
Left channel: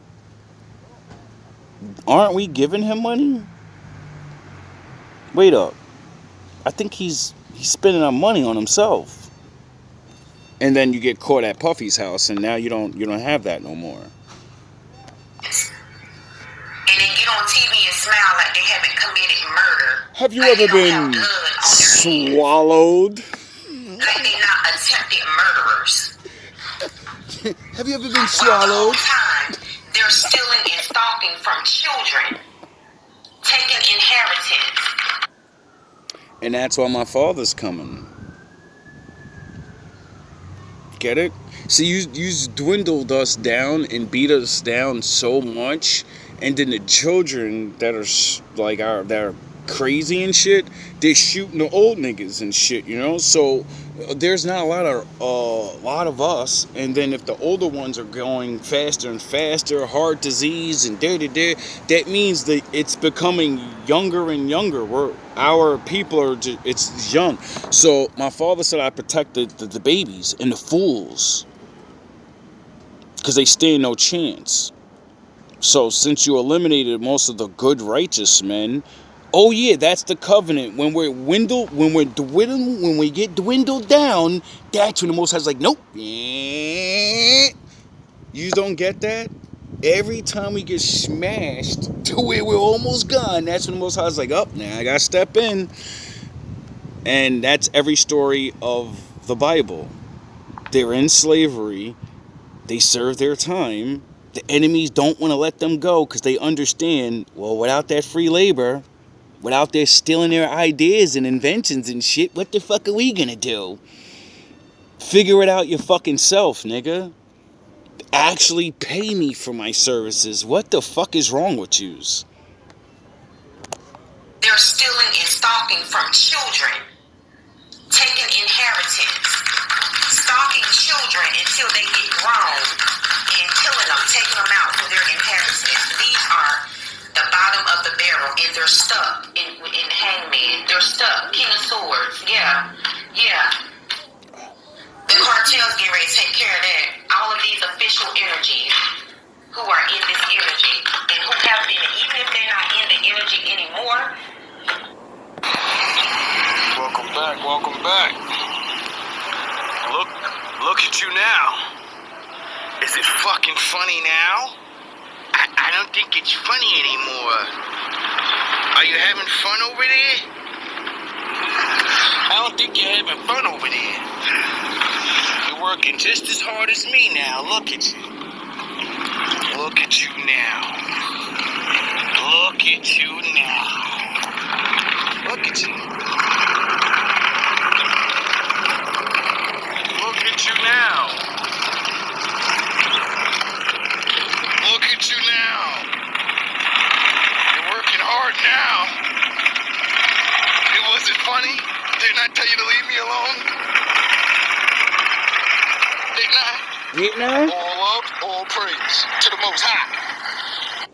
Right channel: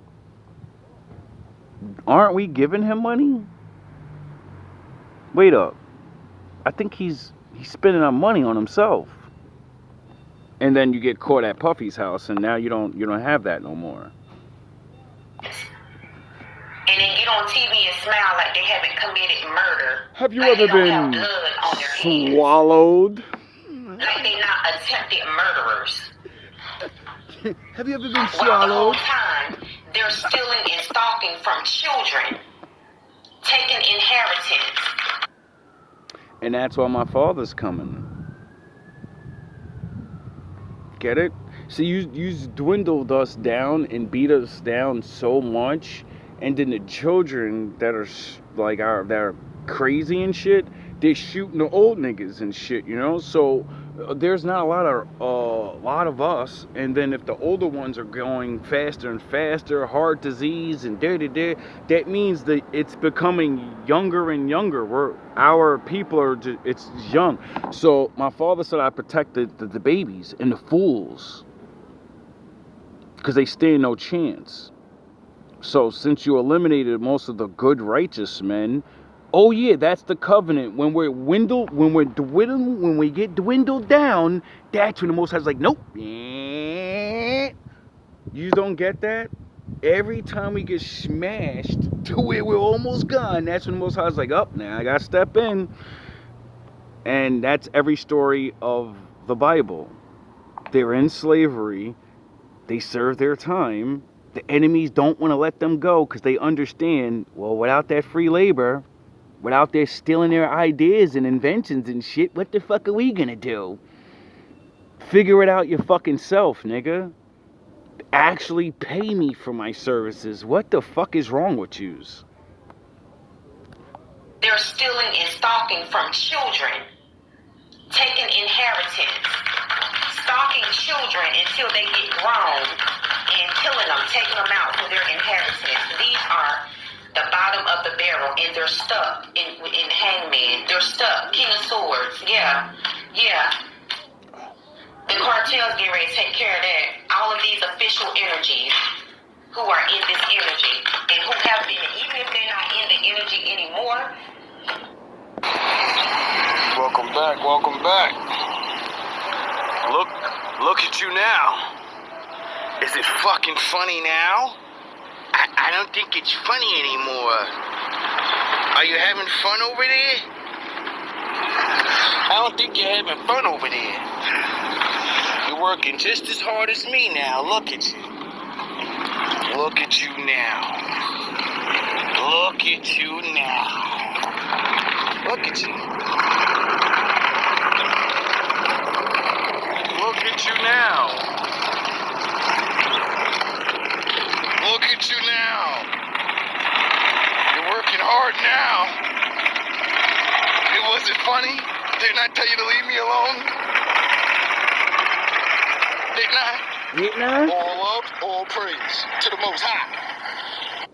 Aren't we giving him money? Wait up. I think he's spending our money on himself. And then you get caught at Puffy's house, and now you don't have that no more. And they get on TV and smile like they haven't committed murder. Have you like ever been swallowed? Like they're not attempted murderers. Have you ever been Well, swallowed? the whole time, They're stealing and stalking from children, taking inheritance. And that's why my father's coming. Get it? See, you dwindled us down and beat us down so much, and then the children that are that are crazy and shit, they're shooting the old niggas and shit, you know. So there's not a lot of us, and then if the older ones are going faster and faster, heart disease and that means that it's becoming younger and younger. Our people are just, it's young. So my father said I protected the babies and the fools because they stand no chance. So since you eliminated most of the good righteous men, oh yeah, that's the covenant. When we get dwindled down, that's when the Most High's like, nope. You don't get that? Every time we get smashed to where we're almost gone, that's when the Most High's like, oh, now I gotta step in. And that's every story of the Bible. They're in slavery. They serve their time. The enemies don't want to let them go because they understand, well, without that free labor, without their stealing their ideas and inventions and shit, what the fuck are we gonna do? Figure it out your fucking self, nigga. Actually pay me for my services. What the fuck is wrong with yous? They're stealing and stalking from children, taking inheritance, stalking children until they get grown, and killing them, taking them out for their inheritance. These are the bottom of the barrel, and they're stuck in Hangman. They're stuck. King of Swords. Yeah. The cartels get ready to take care of that. All of these official energies who are in this energy and who have been, even if they're not in the energy anymore. Welcome back. Look at you now. Is it fucking funny now? I don't think it's funny anymore. Are you having fun over there? I don't think you're having fun over there. You're working just as hard as me now. Look at you. Look at you now. Look at you now. Look at you. Look at you now. Look at you now. You're working hard now. It wasn't funny. Didn't I tell you to leave me alone? Didn't I? Didn't I? All love, all praise to the Most High.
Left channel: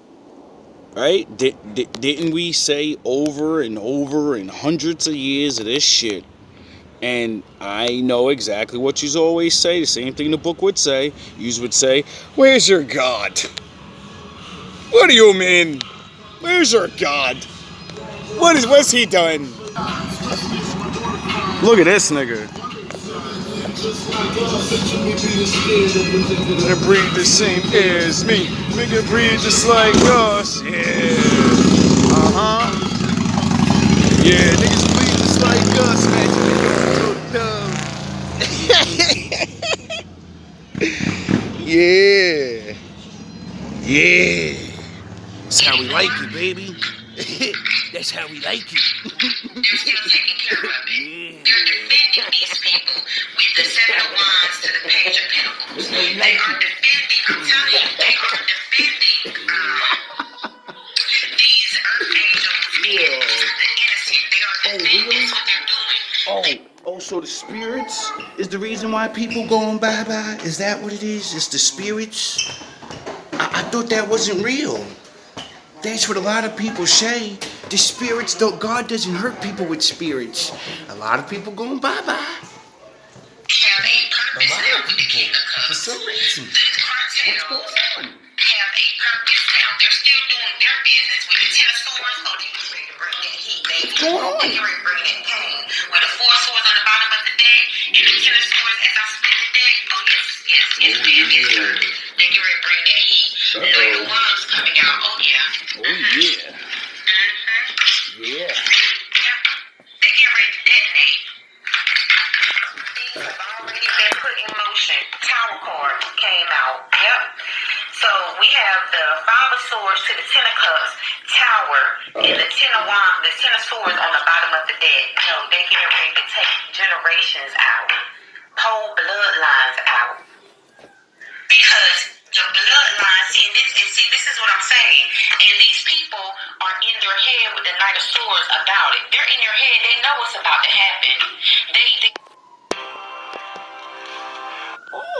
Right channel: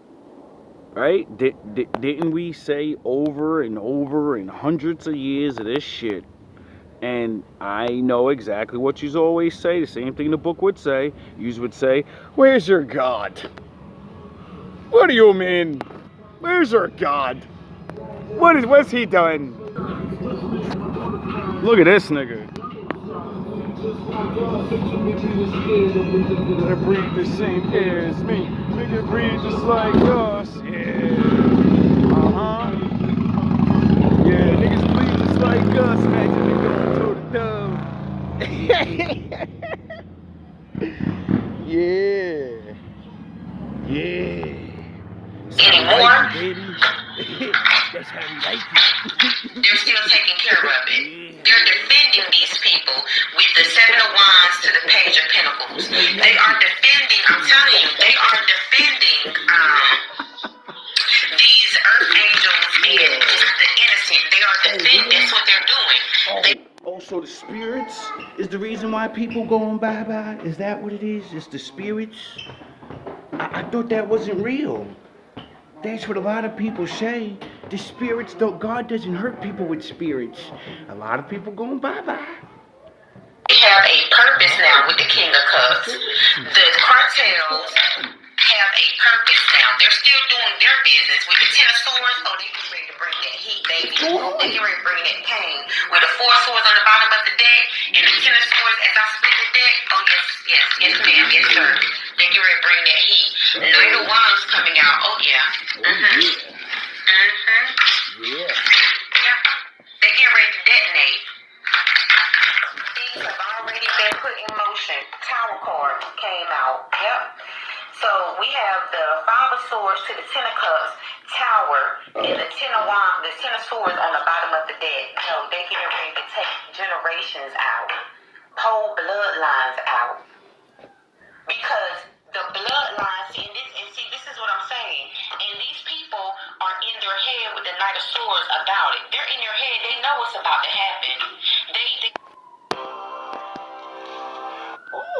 Right? Didn't we say over and over and hundreds of years of this shit? And I know exactly what you always say. The same thing the book would say. You would say, where's your God? What do you mean? Where's your God? What's he done? Look at this nigga. They breathe the same air as me. We can breathe just like us. Yeah. Yeah, niggas breathe just like us. Imagine me going toe to toe. Yeah. That's how we like you, baby. That's how we like you. They're still taking care of it. They're defending these people with the Seven of Wands to the Page of Pentacles. They are defending, I'm telling you, they are defending these earth angels and the innocent. They are defending, that's what they're doing. So the spirits is the reason why people going bye-bye? Is that what it is? It's the spirits? I thought that wasn't real. That's what a lot of people say. The spirits, though, God doesn't hurt people with spirits. A lot of people going bye-bye. They have a purpose now with the King of Cups. The cartels have a purpose now. They're still doing their business with the Ten of Swords. Oh, they get ready to bring that heat, baby. They get ready to bring that pain. With the Four Swords on the bottom of the deck and the Ten of Swords as I split the deck. Oh, yes, ma'am, yes, sir. They get ready to bring that heat. Knight of Wands coming out. Oh, yeah. Yeah. They get ready to detonate. Things have already been put in motion. Tower card came out. Yep. So we have the Five of Swords to the Ten of Cups tower and the Ten of Wands, the Ten of Swords on the bottom of the deck. You know, they getting ready to take generations out, whole bloodlines out, because the bloodlines. See, this is what I'm saying. And these people are in their head with the Knight of Swords about it. They're in their head. They know what's about to happen. They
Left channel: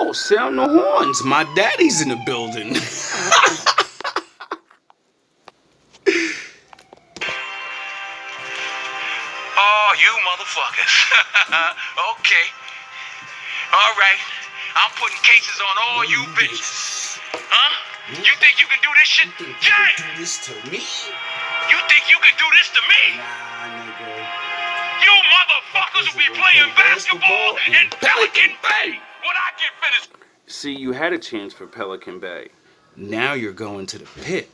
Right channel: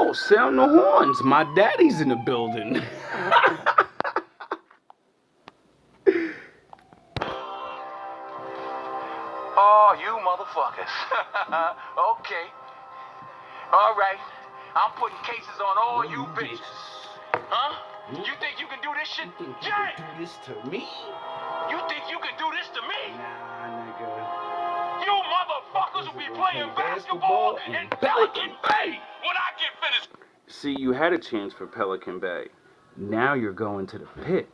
Oh, sound the horns. My daddy's in the building. Oh, you motherfuckers. Okay. All right. I'm putting cases on all you bitches. Huh? You think you can do this shit? Jay! Do this to me? You think you can do this to me? Nah, nigga. You motherfuckers will be playing basketball in Pelican Bay when I get finished. See, you had a chance for Pelican Bay. Now you're going to the pit.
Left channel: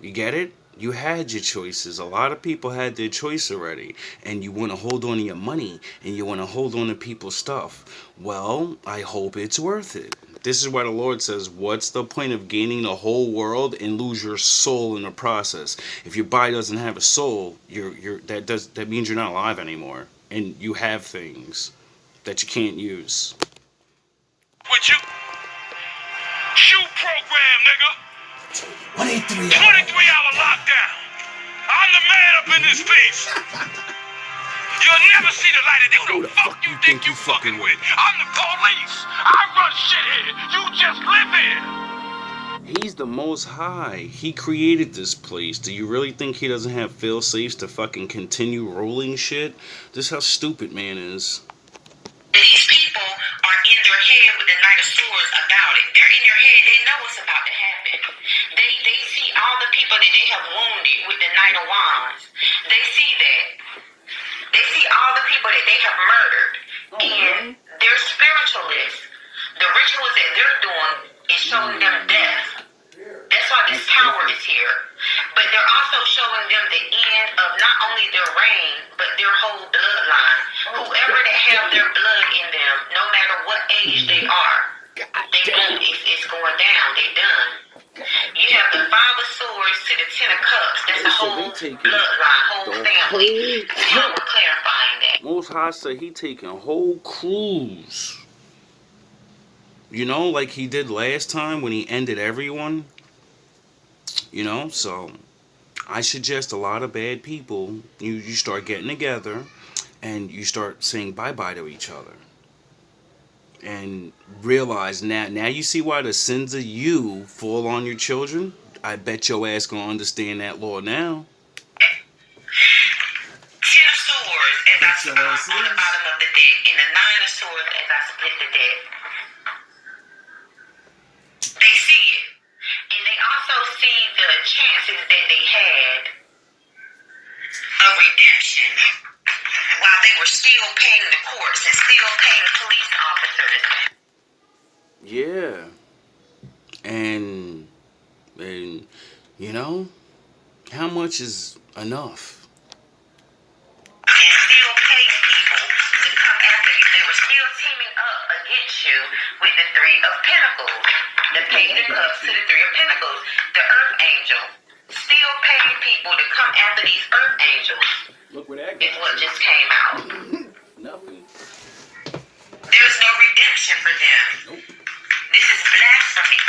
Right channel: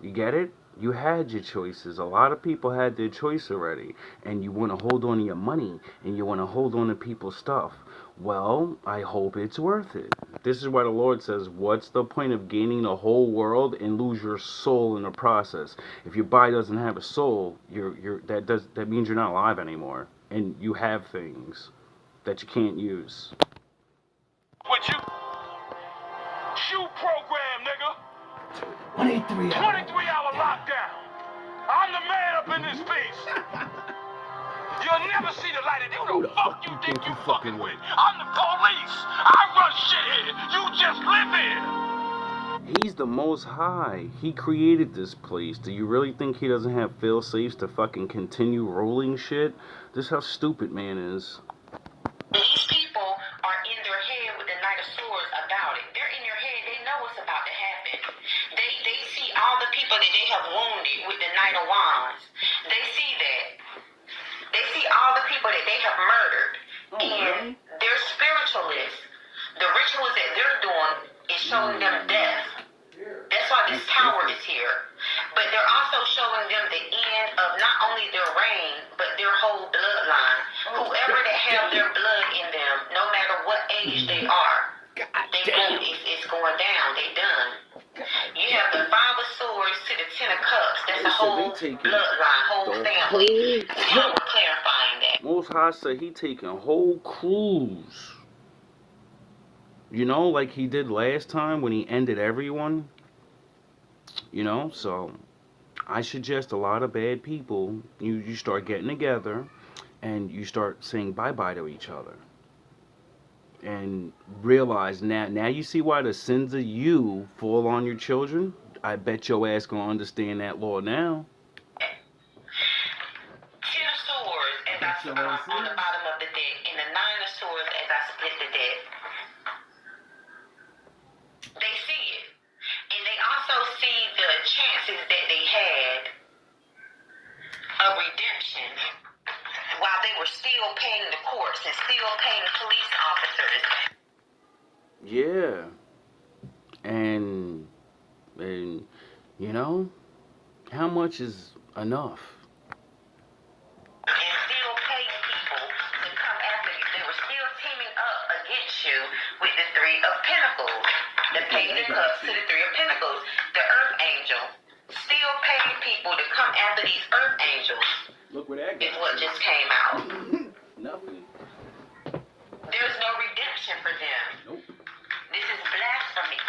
You get it? You had your choices. A lot of people had their choice already. And you want to hold on to your money. And you want to hold on to people's stuff. Well, I hope it's worth it. This is why the Lord says, what's the point of gaining the whole world and lose your soul in the process? If your body doesn't have a soul, that means you're not alive anymore. And you have things that you can't use. With you? Shoot program, nigga. 23-hour lockdown. I'm the man up in this piece. You'll never see the light of day. Who the fuck you think you fucking with? I'm the police. I run shit here. You just live here. He's the Most High. He created this place. Do you really think he doesn't have fail-safes to fucking continue rolling shit? This is how stupid man is. These people are in their head with the Knight of Swords about it. They're in their head. They know what's about to happen. They see all the people that they have wounded with the Knight of Wands. They see that. They see all the people that they have murdered. And they're spiritualists. The rituals that they're doing is showing them death. That's why this tower is here. But they're also showing them the end of not only their reign, but their whole bloodline. Whoever that have their blood in them, no matter what age they are, it's going down. They done. You have the Five of Swords to the Ten of Cups. That's the whole bloodline, whole family. That's why we're clarifying that. Most High said he taking whole crews. You know, like he did last time when he ended everyone. You know, so I suggest a lot of bad people, you start getting together and you start saying bye-bye to each other. And realize now you see why the sins of you fall on your children? I bet your ass gonna understand that law now. Ten of Swords as I on the bottom of the deck, and the Nine of Swords as I split the deck. They see it. And they also see the chances that they had of redemption while they were still paying the courts and still paying police officers. Yeah. And you know, how much is enough? And still pay people to come after you. They were still teaming up against you with the Three of Pentacles. The Page of Cups to the Three of Pentacles. The Earth Angel. Still paying people to come after these Earth Angels. Look where that is what just came out. Nothing. There's no redemption for them. Nope. This is blasphemy.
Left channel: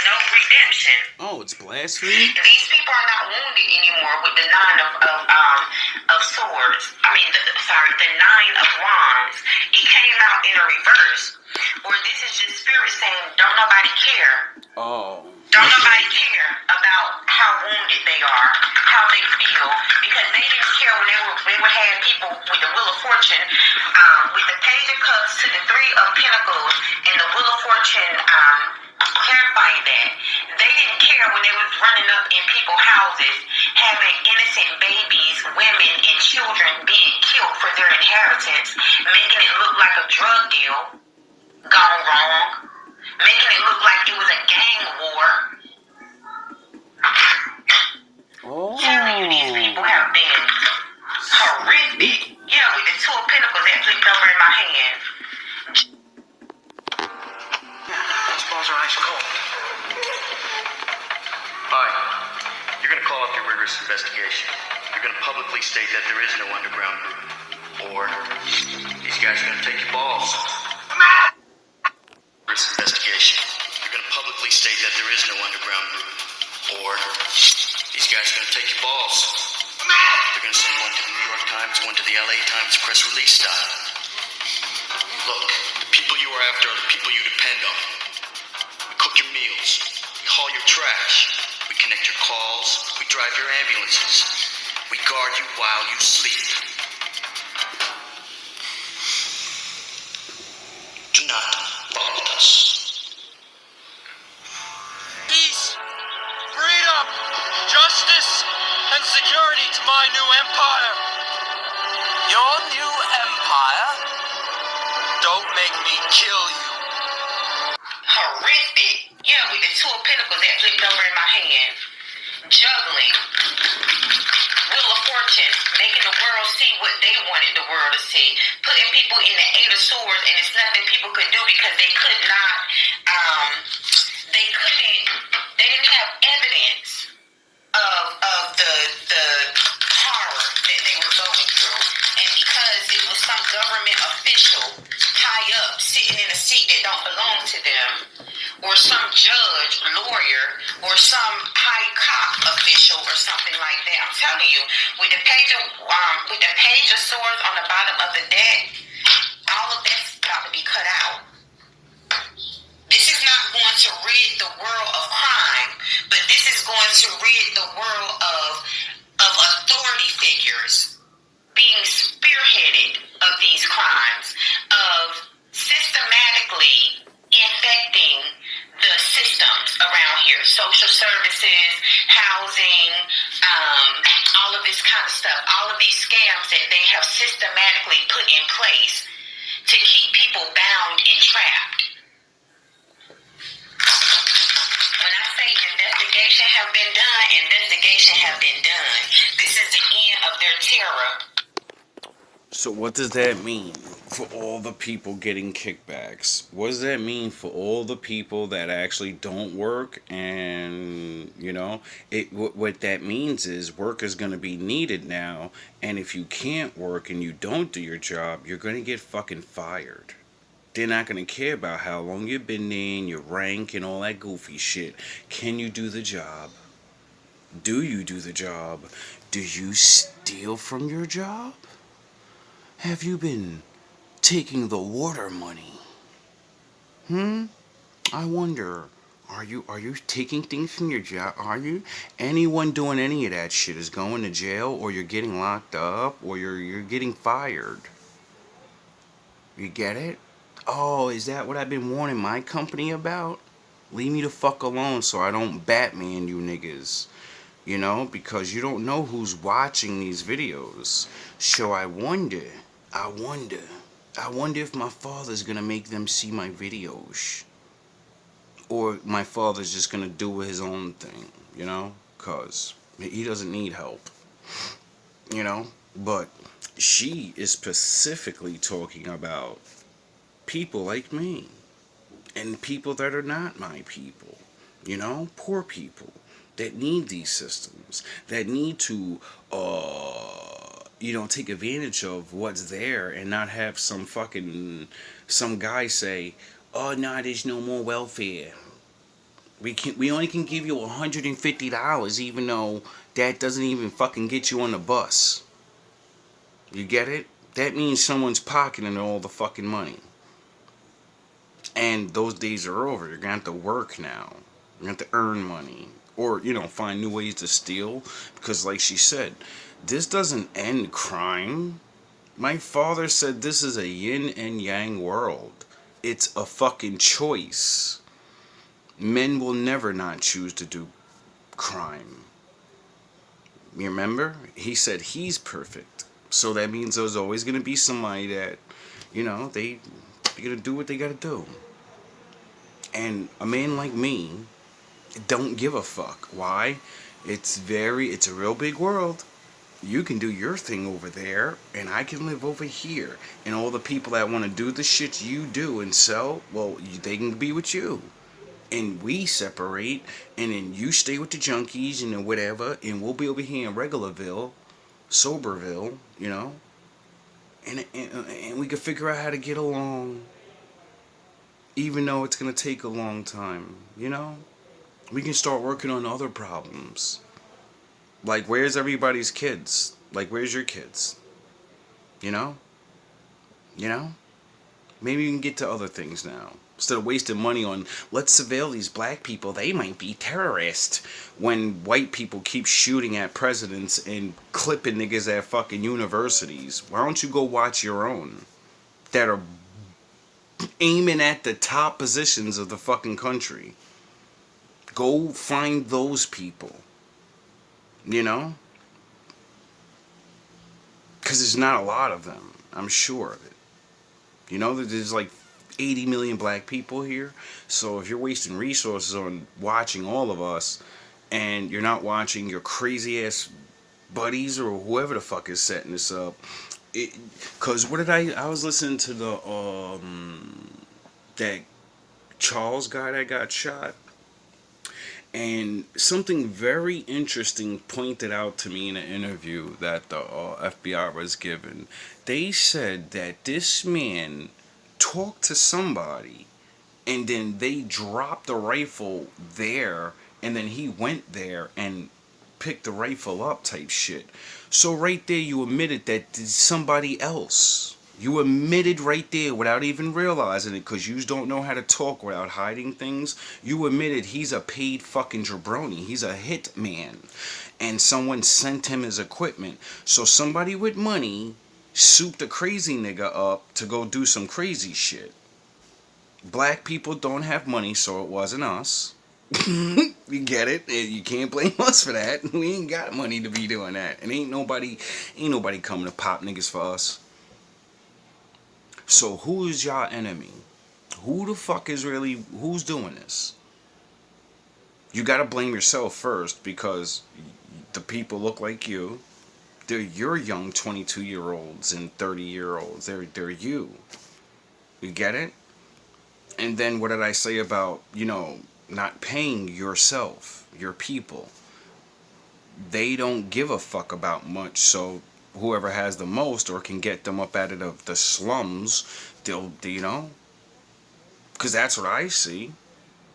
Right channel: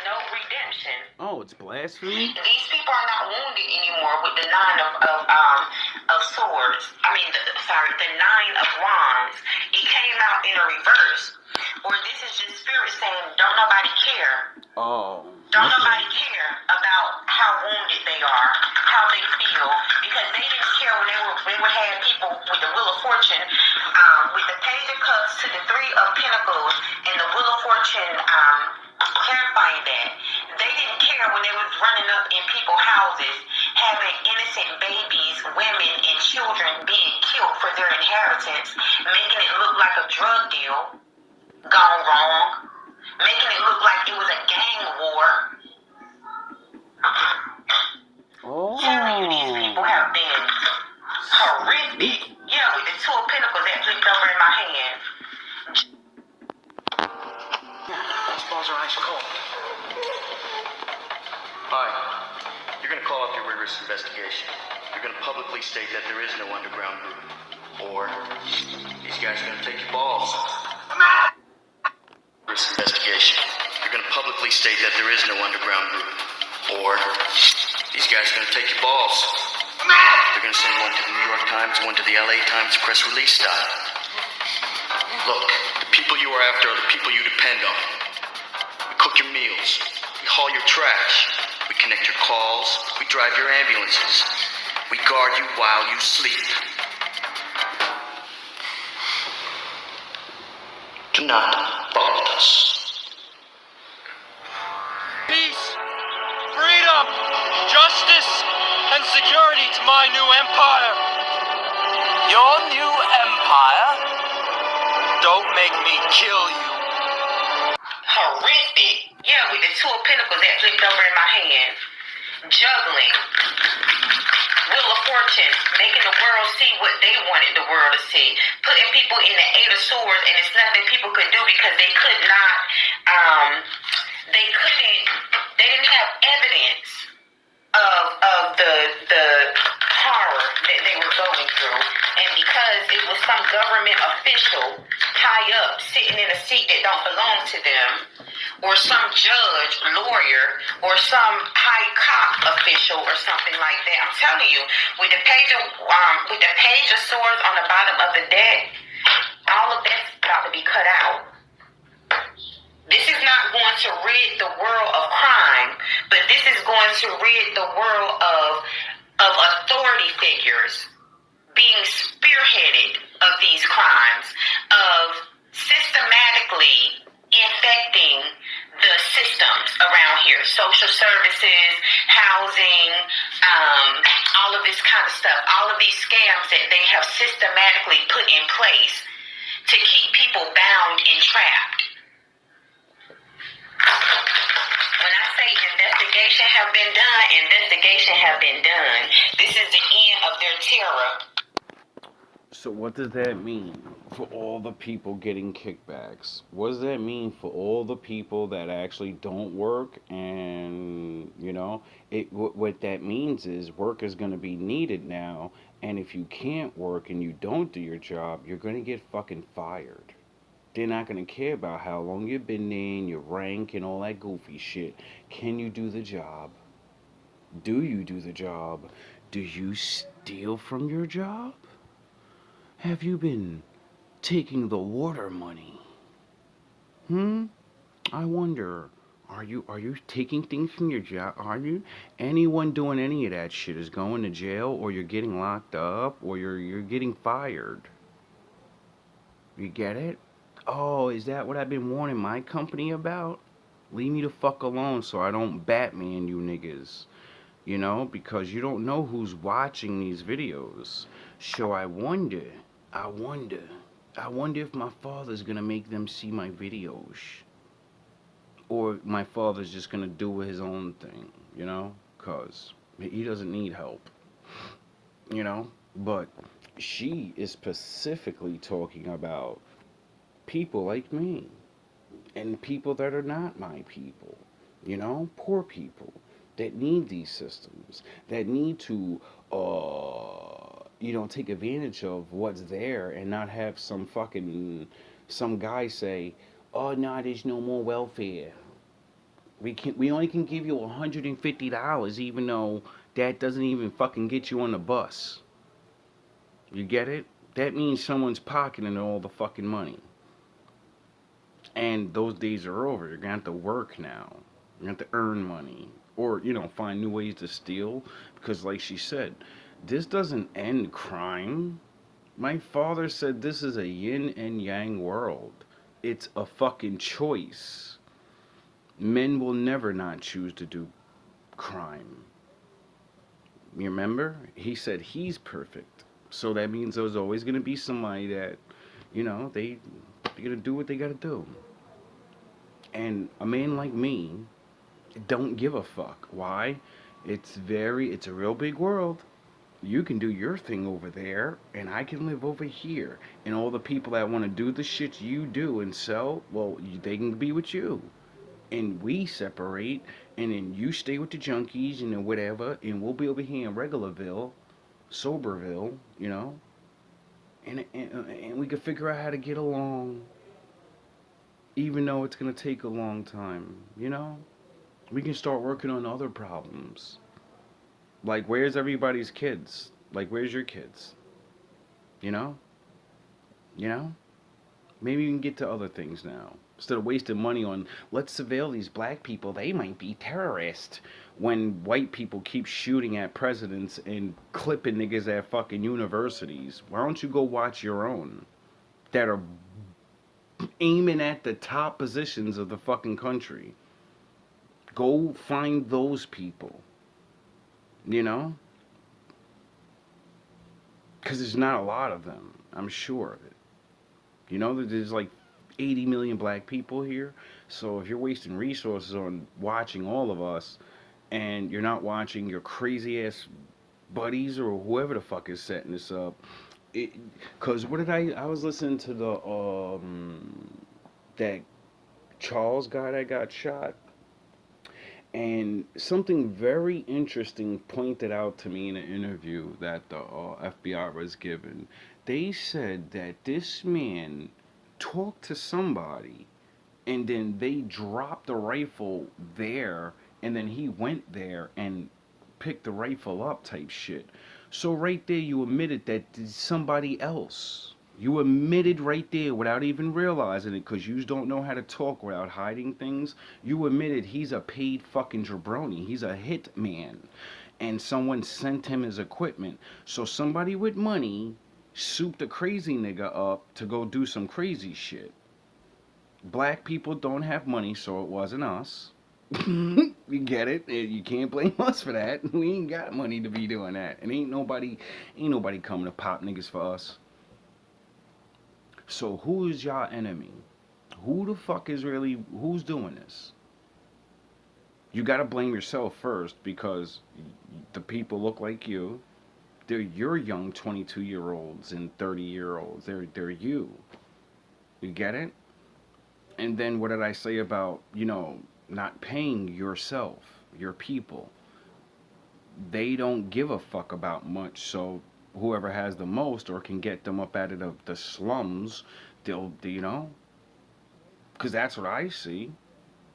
No redemption. Oh, it's blasphemy? These people are not wounded anymore with the Nine of Swords. I mean, the Nine of Wands. It came out in a reverse. Or this is just spirit saying, don't nobody care. Oh. Don't nobody care about how wounded they are, how they feel, because they didn't care when they would have people with the Wheel of Fortune, with the Page of Cups to the Three of Pentacles, and the Wheel of Fortune clarifying that. They didn't care when they was running up in people's houses, having innocent babies, women, and children being killed for their inheritance, making it look like a drug deal gone wrong, making it look like it was a gang war. Telling you these people have been horrific. Yeah, with the Two of Pentacles that flipped over in my hand. These balls are ice cold. state that there is no underground group. Or these guys are gonna take your balls. This investigation. You're gonna publicly state that there is no underground group. Or these guys are gonna take your balls. They're gonna send one to the New York Times, one to the LA Times press release style. Look, the people you are after are the people you depend on. We cook your meals. We haul your trash. We connect your calls. We drive your ambulances. We guard you while you sleep. Do not fuck with us. Peace, freedom, justice, and security to my new empire. Your new empire? Don't make me kill you. Horrific. Yeah, with the two of pentacles that flipped over in my hand. Juggling. Wheel of Fortune. Making the world see what they wanted the world to see. Putting people in the Eight of Swords, and it's nothing people could do because they could not, they didn't have evidence of the horror that they were going through. And because it was some government official high up sitting in a seat that don't belong to them, or some judge, lawyer, or some high cop official or something like that. I'm telling you, with the page of swords on the bottom of the deck, all of that's about to be cut out. This is not going to rid the world of crime, but this is going to rid the world of authority figures being spearheaded of these crimes, of systematically infecting the systems around here, social services, housing, all of this kind of stuff, all of these scams that they have systematically put in place to keep people bound and trapped. When I say investigation have been done. This is the end of their terror. So what does that mean for all the people getting kickbacks? What does that mean for all the people that actually don't work? And, you know, what that means is work is going to be needed now. And if you can't work and you don't do your job, you're going to get fucking fired. They're not going to care about how long you've been there and your rank and all that goofy shit. Can you do the job? Do you do the job? Do you steal from your job? Have you been taking the water money? I wonder, are you taking things from your job? Are you? Anyone doing any of that shit is going to jail, or you're getting locked up, or you're getting fired. You get it? Oh, is that what I've been warning my company about? Leave me the fuck alone so I don't Batman you niggas. You know, because you don't know who's watching these videos. So I wonder if my father's gonna make them see my videos. Or my father's just gonna do his own thing, you know? Cause he doesn't need help. You know? But she is specifically talking about people like me. And people that are not my people. You know? Poor people that need these systems. That need to take advantage of what's there and not have some guy say, oh no, there's no more welfare. We only can give you $150, even though that doesn't even fucking get you on the bus. You get it? That means someone's pocketing all the fucking money. And those days are over. You're gonna have to work now. You're gonna have to earn money. Or, find new ways to steal. Because like she said, this doesn't end crime. My father said this is a yin and yang world. It's a fucking choice. Men will never not choose to do crime. You remember? He said he's perfect. So that means there's always going to be somebody that, they're going to do what they got to do. And a man like me don't give a fuck. Why? It's a real big world. You can do your thing over there, and I can live over here. And all the people that want to do the shit you do and sell, well, they can be with you. And we separate, and then you stay with the junkies and then whatever, and we'll be over here in Regularville Soberville, you know, and we could figure out how to get along, even though it's gonna take a long time, you know. We can start working on other problems. Like, where's everybody's kids? Like, where's your kids? You know? You know? Maybe we can get to other things now. Instead of wasting money on, let's surveil these black people, they might be terrorists. When white people keep shooting at presidents and clipping niggas at fucking universities. Why don't you go watch your own? That are aiming at the top positions of the fucking country. Go find those people. You know? Because there's not a lot of them. I'm sure of it. You know, there's like 80 million black people here. So if you're wasting resources on watching all of us, and you're not watching your crazy ass buddies or whoever the fuck is setting this up, because what did I was listening to the that Charles guy that got shot, and something very interesting pointed out to me in an interview that the FBI was given. They said that this man talked to somebody, and then they dropped the rifle there, and then he went there and picked the rifle up type shit. So right there you admitted that it's somebody else. You admitted right there without even realizing it, because you don't know how to talk without hiding things. You admitted he's a paid fucking jabroni. He's a hit man. And someone sent him his equipment. So somebody with money souped a crazy nigga up to go do some crazy shit. Black people don't have money, so it wasn't us. You get it? You can't blame us for that. We ain't got money to be doing that. And ain't nobody coming to pop niggas for us. So who is y'all enemy? Who the fuck is really, who's doing this? You gotta blame yourself first, because the people look like you. They're your young 22-year-olds and 30-year-olds. They're you. You get it? And then what did I say about, you know, not paying yourself, your people? They don't give a fuck about much, so whoever has the most or can get them up out of the slums, they'll, you know, because that's what I see.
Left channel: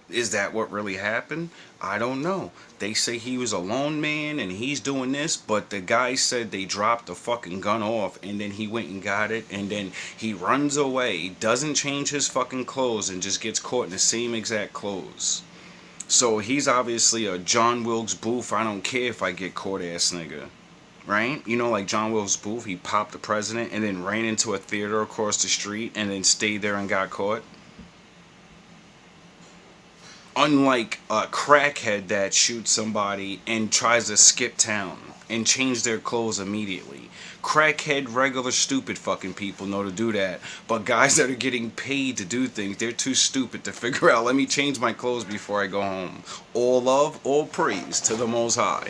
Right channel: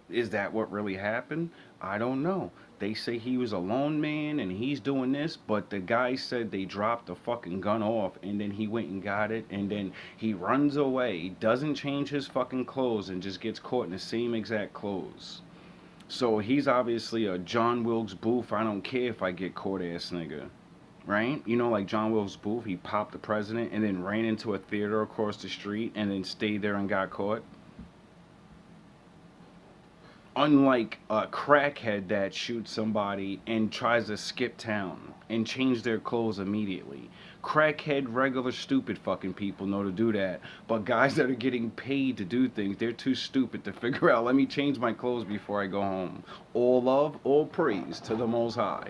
Is that what really happened? I don't know. They say he was a lone man and he's doing this, but the guy said they dropped the fucking gun off, and then he went and got it, and then he runs away, doesn't change his fucking clothes, and just gets caught in the same exact clothes. So he's obviously a John Wilkes Booth, I don't care if I get caught ass nigga. Right? You know, like John Wilkes Booth, he popped the president and then ran into a theater across the street and then stayed there and got caught. Unlike a crackhead that shoots somebody and tries to skip town and change their clothes immediately. Crackhead, regular, stupid fucking people know to do that. But guys that are getting paid to do things, they're too stupid to figure out, let me change my clothes before I go home. All love, all praise to the Most High.